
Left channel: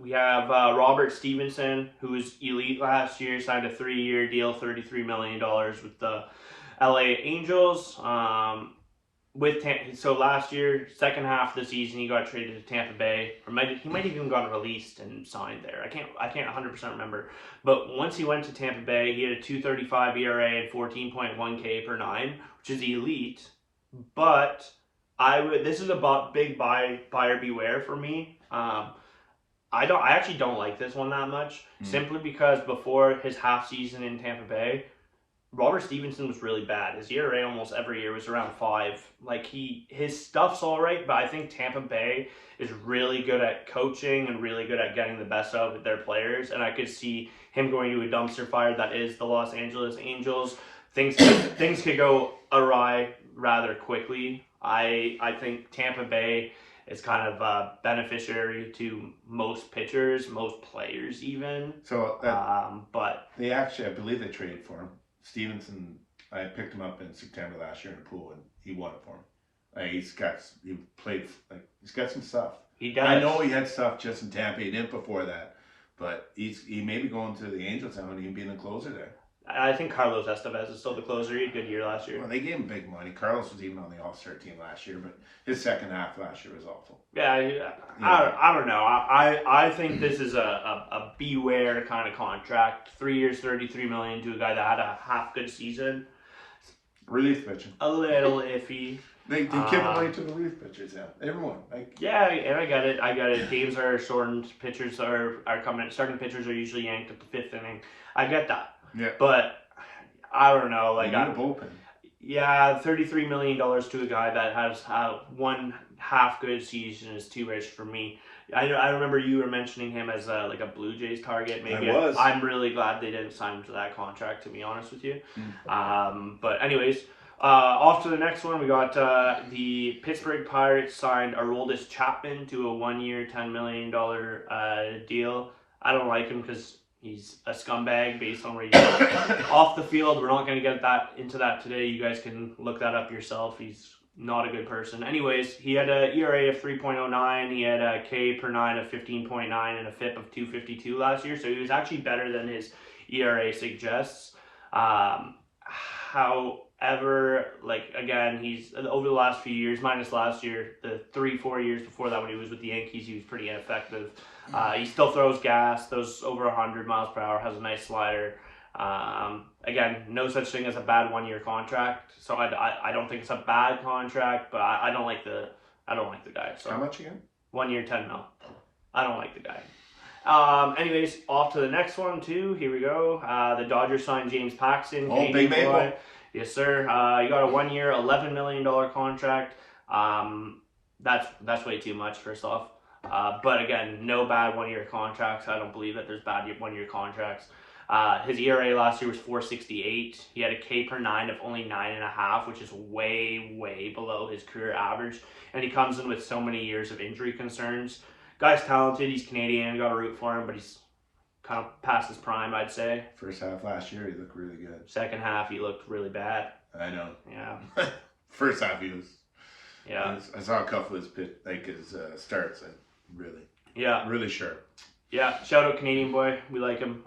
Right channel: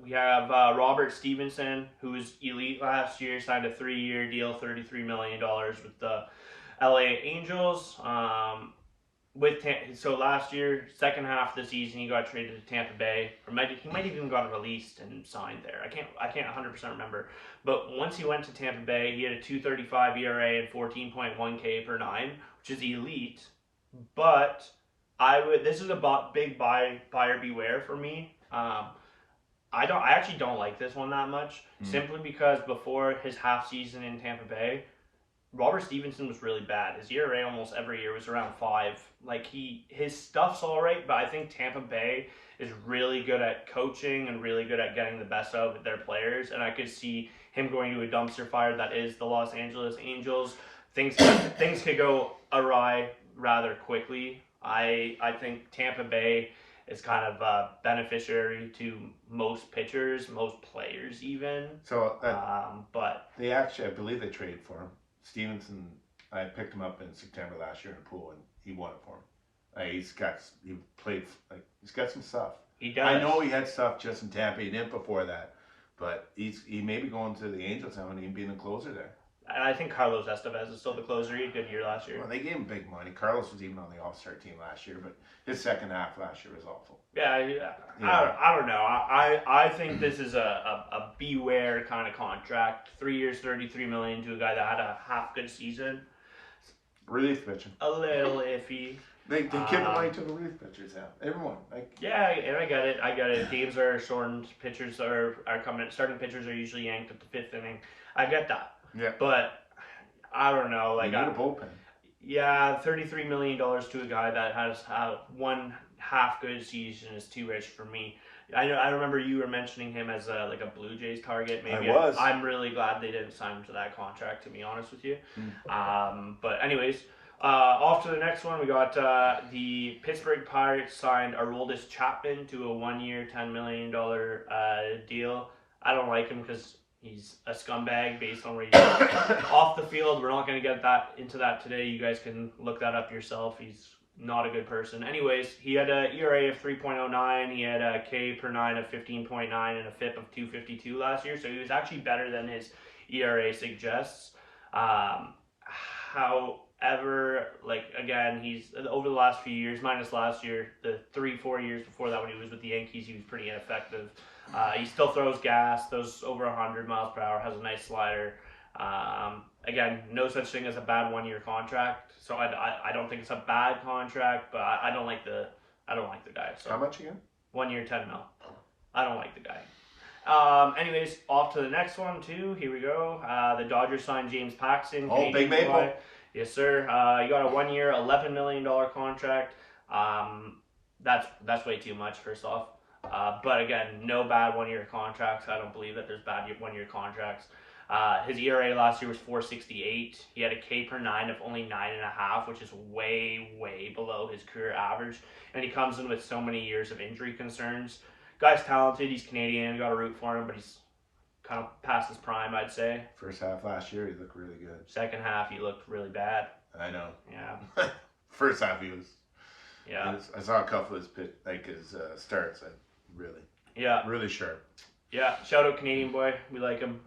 we have Robert Stevenson, who was elite last year, signed a 3-year deal, $33 million with the LA Angels. So last year, second half of the season, he got traded to Tampa Bay. He might even gotten released and signed there. I can't 100% remember. But once he went to Tampa Bay, he had a 2.35 ERA and 14.1 K per 9, which is elite. But this is a big buyer beware for me. I actually don't like this one that much, simply because before his half season in Tampa Bay, Robert Stevenson was really bad. His ERA almost every year was around 5. Like his stuff's all right, but I think Tampa Bay is really good at coaching and really good at getting the best out of their players, and I could see him going to a dumpster fire that is the Los Angeles Angels. Things could go awry rather quickly. I think Tampa Bay is kind of a beneficiary to most pitchers, most players even. So, but they actually, I believe they traded for him. Stevenson, I picked him up in September last year in a pool, and he won it for him. He's got some stuff. He does. I know he had stuff just in Tampa. He didn't before that, but he may be going to the Angels now and even being a closer there. I think Carlos Estevez is still the closer. He had a good year last year. Well, they gave him big money. Carlos was even on the All-Star team last year, but his second half last year was awful. Yeah, I don't know. I think this is a beware kind of contract. 3 years, $33 million to a guy that had a half good season. Relief pitching. A little iffy. They give the money to the relief pitchers, yeah. Everyone. Yeah, and I get it. Games are shortened. Pitchers are coming. Starting pitchers are usually yanked at the fifth inning. I get that. Yeah. But I don't know. Like, you need a bullpen. Yeah, $33 million to a guy that has one half good season is too rich for me. I remember you were mentioning him as like a Blue Jays target. Maybe I was. I'm really glad they didn't sign him to that contract, to be honest with you. But anyways, off to the next one. We got the Pittsburgh Pirates signed Aroldis Chapman to a 1-year, $10 million deal. I don't like him because he's a scumbag based on where he's off the field. We're not going to get into that today. You guys can look that up yourself. He's not a good person. Anyways, he had an ERA of 3.09. He had a K per 9 of 15.9 and a FIP of 252 last year. So he was actually better than his ERA suggests. However, like, again, he's over the last few years, minus last year, the 3-4 years before that when he was with the Yankees, he was pretty ineffective. He still throws gas, throws over 100 miles per hour, has a nice slider. Again, no such thing as a bad 1-year contract. So I don't think it's a bad contract, but I don't like the guy. So how much again? 1 year, 10 mil. I don't like the guy. Anyways, off to the next one too. Here we go. The Dodgers signed James Paxton. Oh, Big Maple. Yes, sir. You got a 1-year, $11 million contract. That's way too much, first off. But again, no bad 1-year contracts. I don't believe that there's bad 1-year contracts. His ERA last year was 4.68. He had a K per 9 of only 9.5, which is way below his career average. And he comes in with so many years of injury concerns. Guy's talented. He's Canadian. Got to root for him, but he's kind of past his prime, I'd say. First half last year, he looked really good. Second half, he looked really bad. I know. Yeah. First half, he was. Yeah. I saw a couple of his starts. Really sharp. Yeah, shout out Canadian boy. We like him.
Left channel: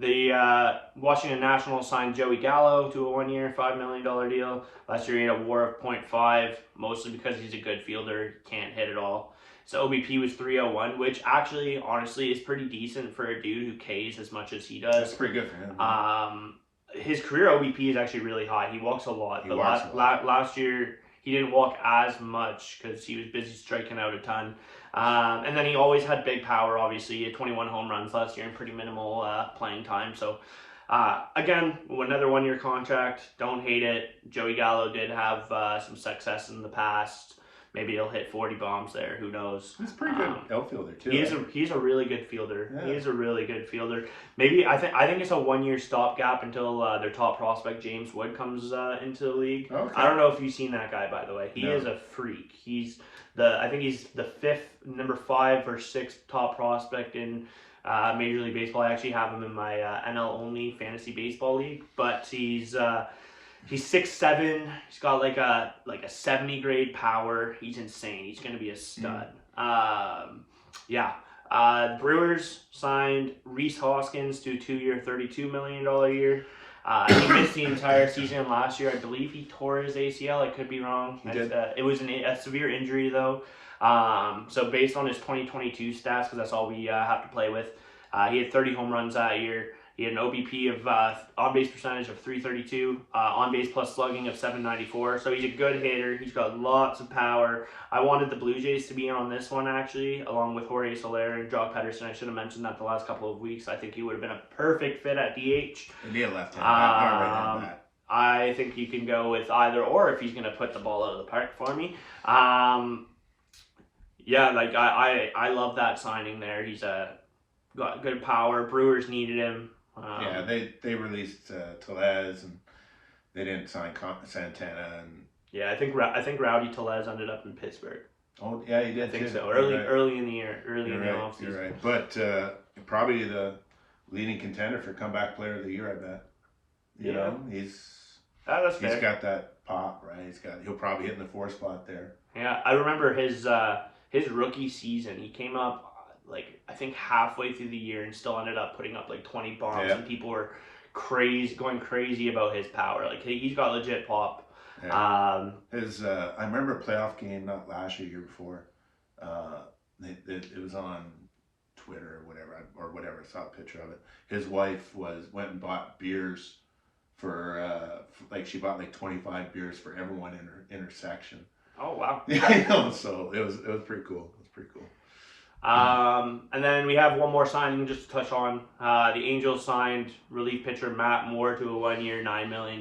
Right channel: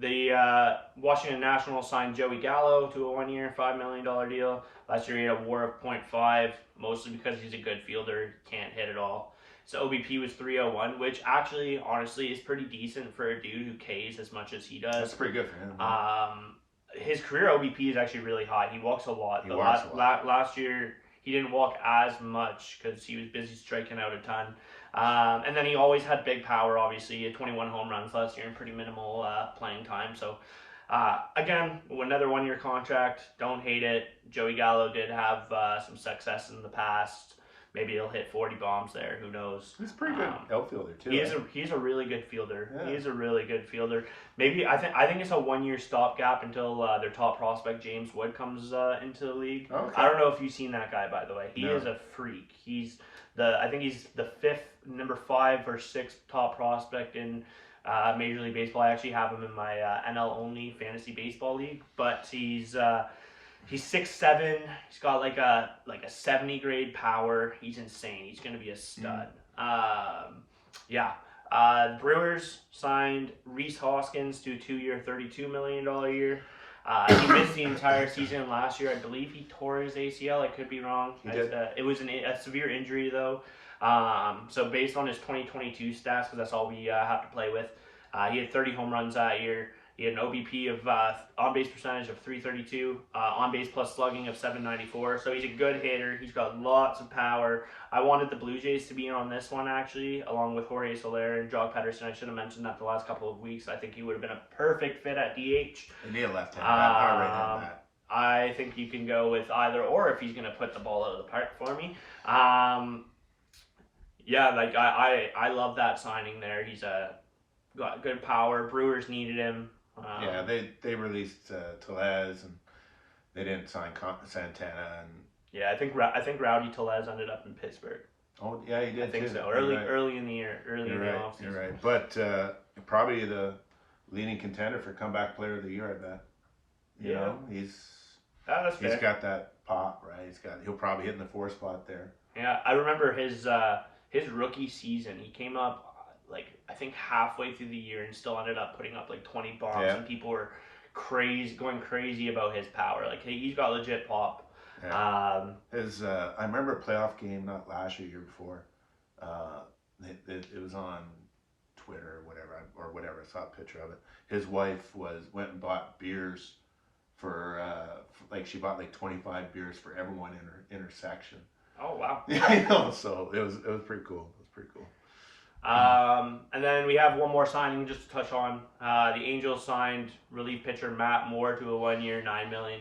The Washington Nationals signed Joey Gallo to a 1-year, $5 million deal. Last year he had a WAR of 0.5, mostly because he's a good fielder, can't hit at all. So OBP was 301, which actually, honestly, is pretty decent for a dude who Ks as much as he does. That's pretty good for him. His career OBP is actually really high. He walks a lot. Last year he didn't walk as much because he was busy striking out a ton. And then he always had big power, obviously. He had 21 home runs last year and pretty minimal playing time. So, again, another 1-year contract. Don't hate it. Joey Gallo did have some success in the past. Maybe he'll hit 40 bombs there. Who knows? He's a pretty good outfielder, too. He's a really good fielder. Yeah. He's a really good fielder. Maybe I think it's a 1-year stopgap until their top prospect, James Wood, comes into the league. Okay. I don't know if you've seen that guy, by the way. He No. is a freak. I think he's the number 5 or 6 top prospect in Major League Baseball. I actually have him in my NL only fantasy baseball league, but he's 6'7". He's got like a 70 grade power. He's insane. He's gonna be a stud. Brewers signed Rhys Hoskins to a 2-year, $32 million year. He missed the entire season last year. I believe he tore his ACL. I could be wrong. It was a severe injury, though. So based on his 2022 stats, because that's all we have to play with, he had 30 home runs that year. He had an OBP of on-base percentage of 332, on-base plus slugging of 794. So he's a good hitter. He's got lots of power. I wanted the Blue Jays to be on this one, actually, along with Jorge Soler and Jock Pederson. I should have mentioned that the last couple of weeks. I think he would have been a perfect fit at DH. And he had left-hand bat, not right-hand bat. I think you can go with either or if he's going to put the ball out of the park for me. I love that signing there. He's got good power. Brewers needed him. They released Tellez, and they didn't sign Santana. And yeah, I think Rowdy Tellez ended up in Pittsburgh. Oh yeah, he did. I think too. so. Early in the year, in the offseason. You're right. But probably the leading contender for comeback player of the year, I bet. You know, he's got that pop, right? He'll probably hit in the 4 spot there. Yeah, I remember his rookie season. He came up I think halfway through the year and still ended up putting up like 20 bombs, and people were going crazy about his power. Like he's got legit pop. Yeah. I remember a playoff game, not last year, year before. It was on Twitter or whatever. I saw a picture of it. His wife went and bought beers for she bought like 25 beers for everyone in her section. Oh wow! Yeah, I know. So it was pretty cool. It was pretty cool. And then we have one more signing just to touch on. The Angels signed relief pitcher Matt Moore to a 1-year, $9 million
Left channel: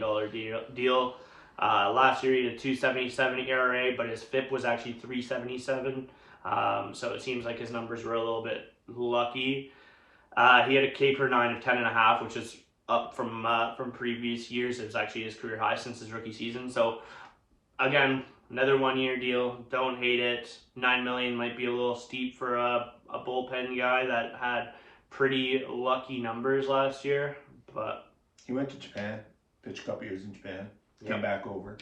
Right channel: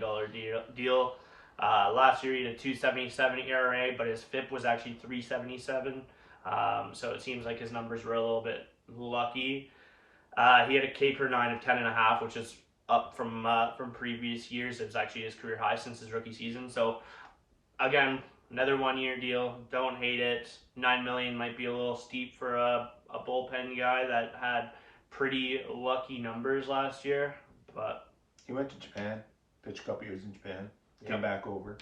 deal. Last year he had a 2.77 ERA, but his FIP was actually 3.77. So it seems like his numbers were a little bit lucky. He had a K per 9 of 10.5, which is up from previous years. It was actually his career high since his rookie season. So again, another 1-year deal. Don't hate it. $9 million might be a little steep for a bullpen guy that had pretty lucky numbers last year. But he went to Japan, pitched a couple years in Japan, came back over.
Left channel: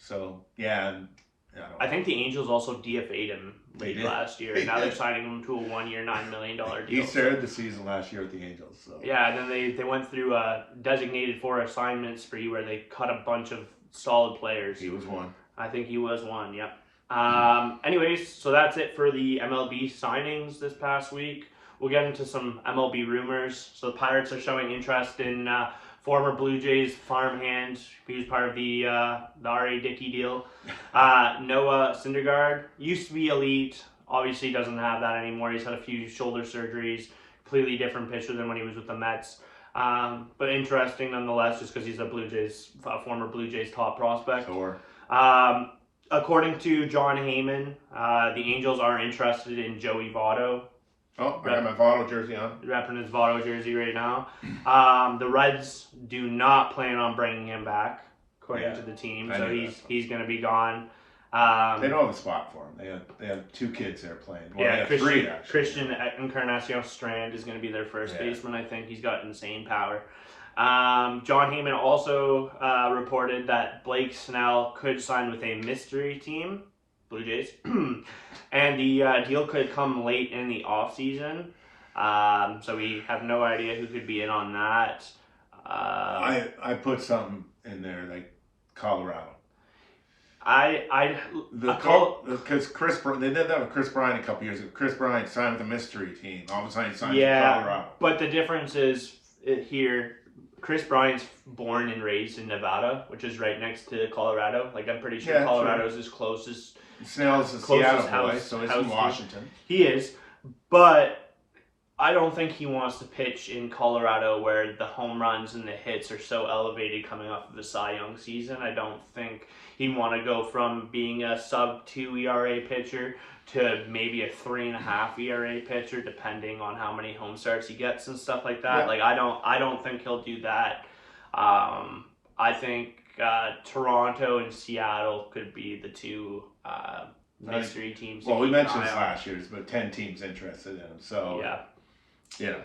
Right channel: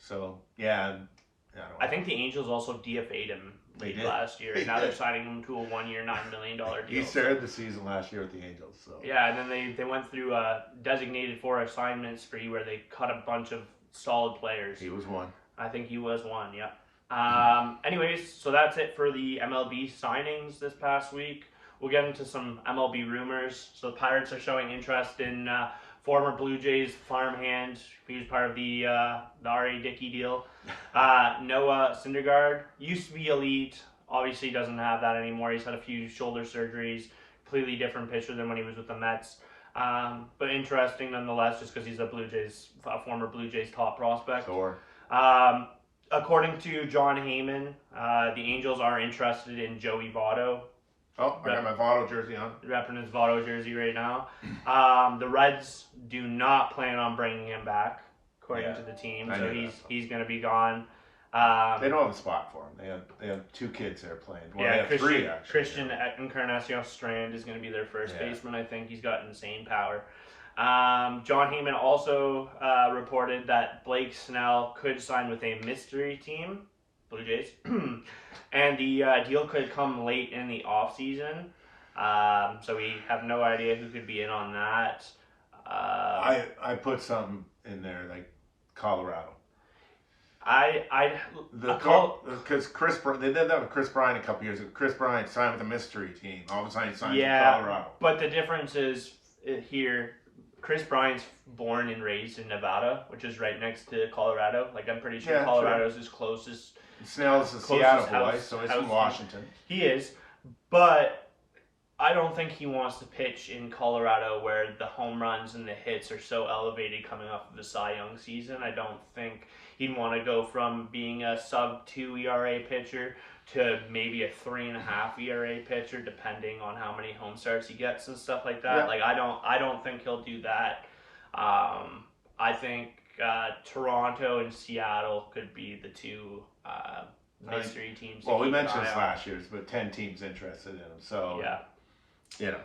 So yeah, I think the Angels also DFA'd him last year. Now they're signing him to a 1-year, $9 million deal. He started the season last year with the Angels. So yeah, and then they went through a designated for assignment spree where they cut a bunch of solid players. He was one. I think he was one, yep. Anyways, so that's it for the MLB signings this past week. We'll get into some MLB rumors. So the Pirates are showing interest in former Blue Jays farmhand. He was part of the R.A. Dickey deal. Noah Syndergaard used to be elite. Obviously doesn't have that anymore. He's had a few shoulder surgeries. Completely different pitcher than when he was with the Mets. But interesting nonetheless, just because he's a former Blue Jays top prospect. Sure. According to John Heyman, the Angels are interested in Joey Votto. Oh, I got my Votto jersey on. Repping his Votto jersey right now. The Reds do not plan on bringing him back, according to the team. So he's going to be gone. They don't have a spot for him. They have 2 kids there playing. Well, they have Christian, 3 actually. Christian Encarnacion Strand is going to be their first baseman. I think he's got insane power. John Heyman also reported that Blake Snell could sign with a mystery team, Blue Jays, and the deal could come late in the offseason. So we have no idea who could be in on that. I put something in there like Colorado. Because they did that with Chris Bryant a couple years ago. Chris Bryant signed with a mystery team. All of a sudden he signed with Colorado. But the difference is here. Chris Bryant's born and raised in Nevada, which is right next to Colorado. Like, I'm pretty sure Colorado's his closest. Snell's a Seattle boy, so he's from Washington. He is, but I don't think he wants to pitch in Colorado where the home runs and the hits are so elevated coming off of the Cy Young season. I don't think he'd want to go from being a sub-2 ERA pitcher to maybe a 3.5 ERA pitcher, depending on how many home starts he gets and stuff like that. Yeah. Like I don't think he'll do that. I think Toronto and Seattle could be the 2 mystery teams. Well, we mentioned this last year. There's about 10 teams interested in him. So yeah,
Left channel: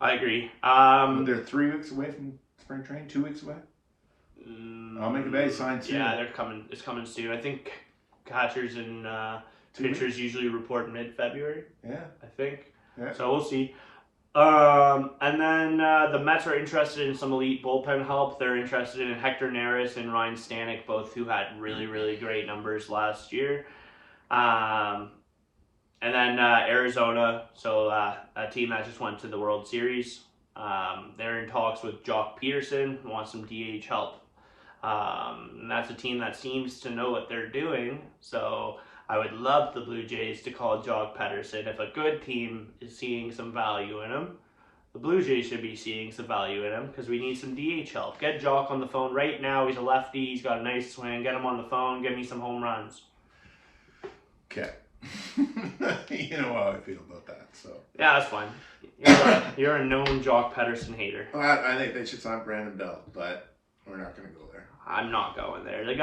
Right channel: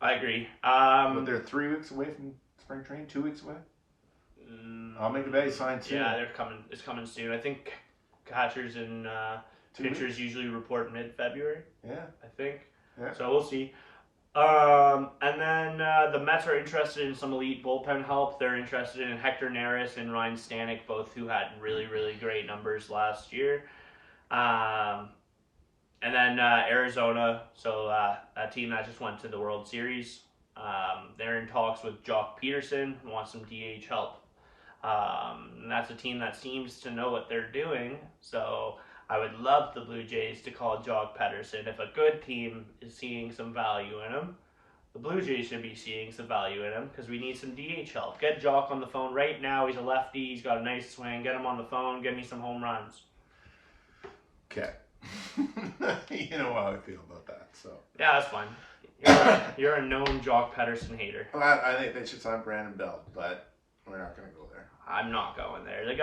I agree. But they're 3 weeks away from spring training. 2 weeks away. I'll make a bay sign soon. Yeah, they're coming. It's coming soon. I think catchers and pitchers usually report mid-February. Yeah, I think. Yeah. So we'll see. And then the Mets are interested in some elite bullpen help. They're interested in Hector Neris and Ryan Stanek, both who had really, really great numbers last year. And then Arizona, so a team that just went to the World Series. They're in talks with Jock Peterson, who wants some DH help. And that's a team that seems to know what they're doing. So I would love the Blue Jays to call Jock Peterson. If a good team is seeing some value in him, the Blue Jays should be seeing some value in him because we need some DH help. Get Jock on the phone right now. He's a lefty. He's got a nice swing. Get him on the phone. Get me some home runs. Okay. You know how I feel about that. So yeah, that's fine. You're a known Jock Peterson hater. Well, I think they should sign Brandon Belt, but we're not going to go there. I'm not going there. The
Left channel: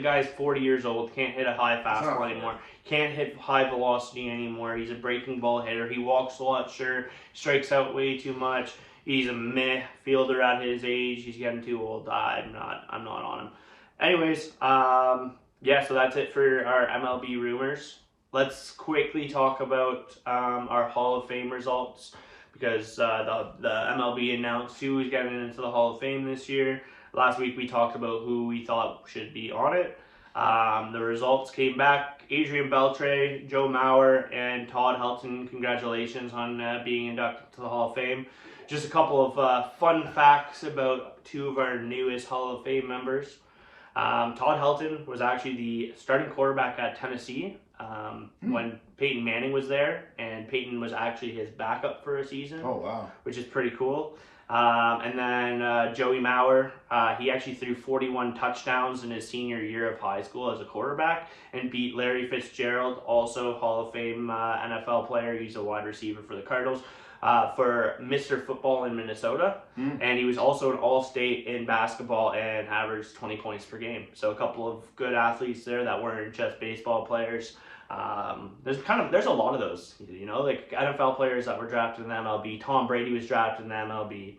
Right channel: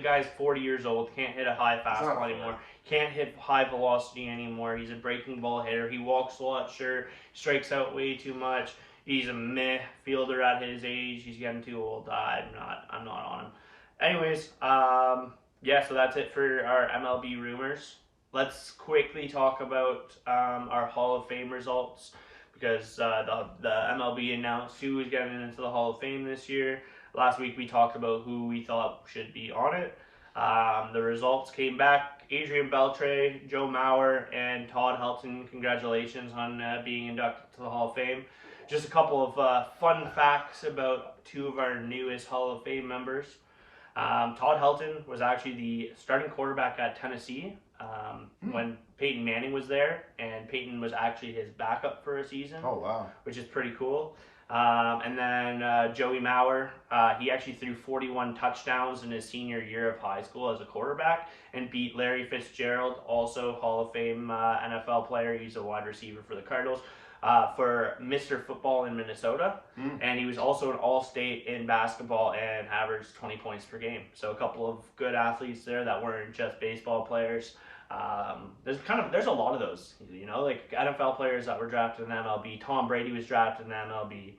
guy's 40 years old. Can't hit a high fastball anymore. Can't hit high velocity anymore. He's a breaking ball hitter. He walks a lot, sure. Strikes out way too much. He's a meh fielder at his age. He's getting too old. I'm not on him. Anyways, so that's it for our MLB rumors. Let's quickly talk about our Hall of Fame results because the MLB announced who was getting into the Hall of Fame this year. Last week we talked about who we thought should be on it. The results came back. Adrian Beltre, Joe Mauer, and Todd Helton, congratulations on being inducted to the Hall of Fame. Just a couple of fun facts about two of our newest Hall of Fame members. Todd Helton was actually the starting quarterback at Tennessee when Peyton Manning was there, and Peyton was actually his backup for a season. Oh, wow. Which is pretty cool. And then Joey Mauer, he actually threw 41 touchdowns in his senior year of high school as a quarterback and beat Larry Fitzgerald, also Hall of Fame NFL player. He's a wide receiver for the Cardinals, for Mr. Football in Minnesota. And he was also an All-State in basketball and averaged 20 points per game. So a couple of good athletes there that weren't just baseball players. There's a lot of those, like NFL players that were drafted in the MLB. Tom Brady was drafted in the MLB.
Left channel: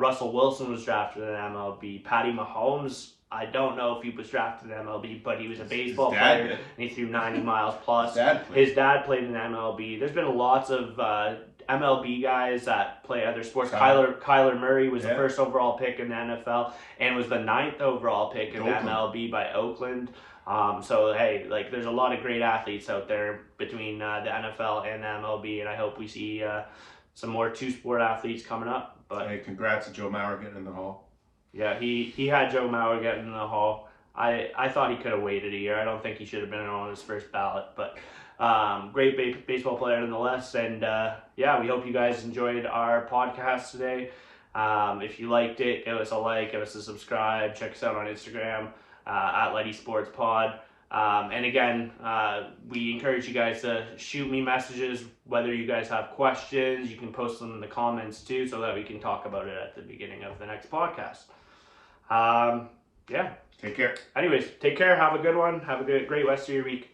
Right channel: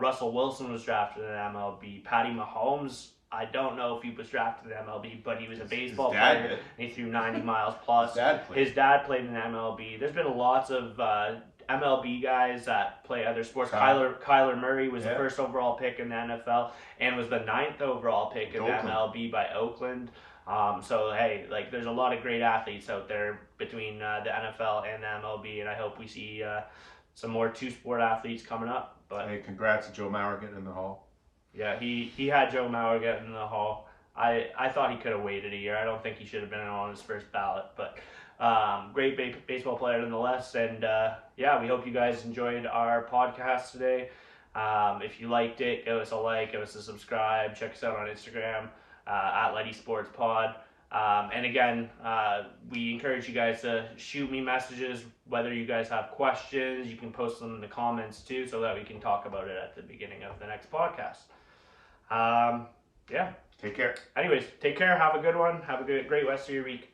Russell Wilson was drafted in the MLB. Patty Mahomes, I don't know if he was drafted in the MLB, but he was a baseball player and he threw 90 miles plus. His dad played in the MLB. There's been lots of MLB guys that play other sports. Kyler Murray was the first overall pick in the NFL and was the 9th overall pick in the MLB by Oakland. So hey, like there's a lot of great athletes out there between the NFL and the MLB, and I hope we see some more two-sport athletes coming up. But hey, congrats to Joe Mauer getting in the Hall. Yeah, he had Joe Mauer getting in the Hall. I thought he could have waited a year. I don't think he should have been on his first ballot, but great baseball player nonetheless. And yeah, we hope you guys enjoyed our podcast today. If you liked it, give us a like, give us a subscribe, check us out on Instagram. At LightySportsPod. And again, we encourage you guys to shoot me messages, whether you guys have questions. You can post them in the comments too, so that we can talk about it at the beginning of the next podcast. Yeah. Take care. Anyways, take care. Have a good one. Have a great rest of your week.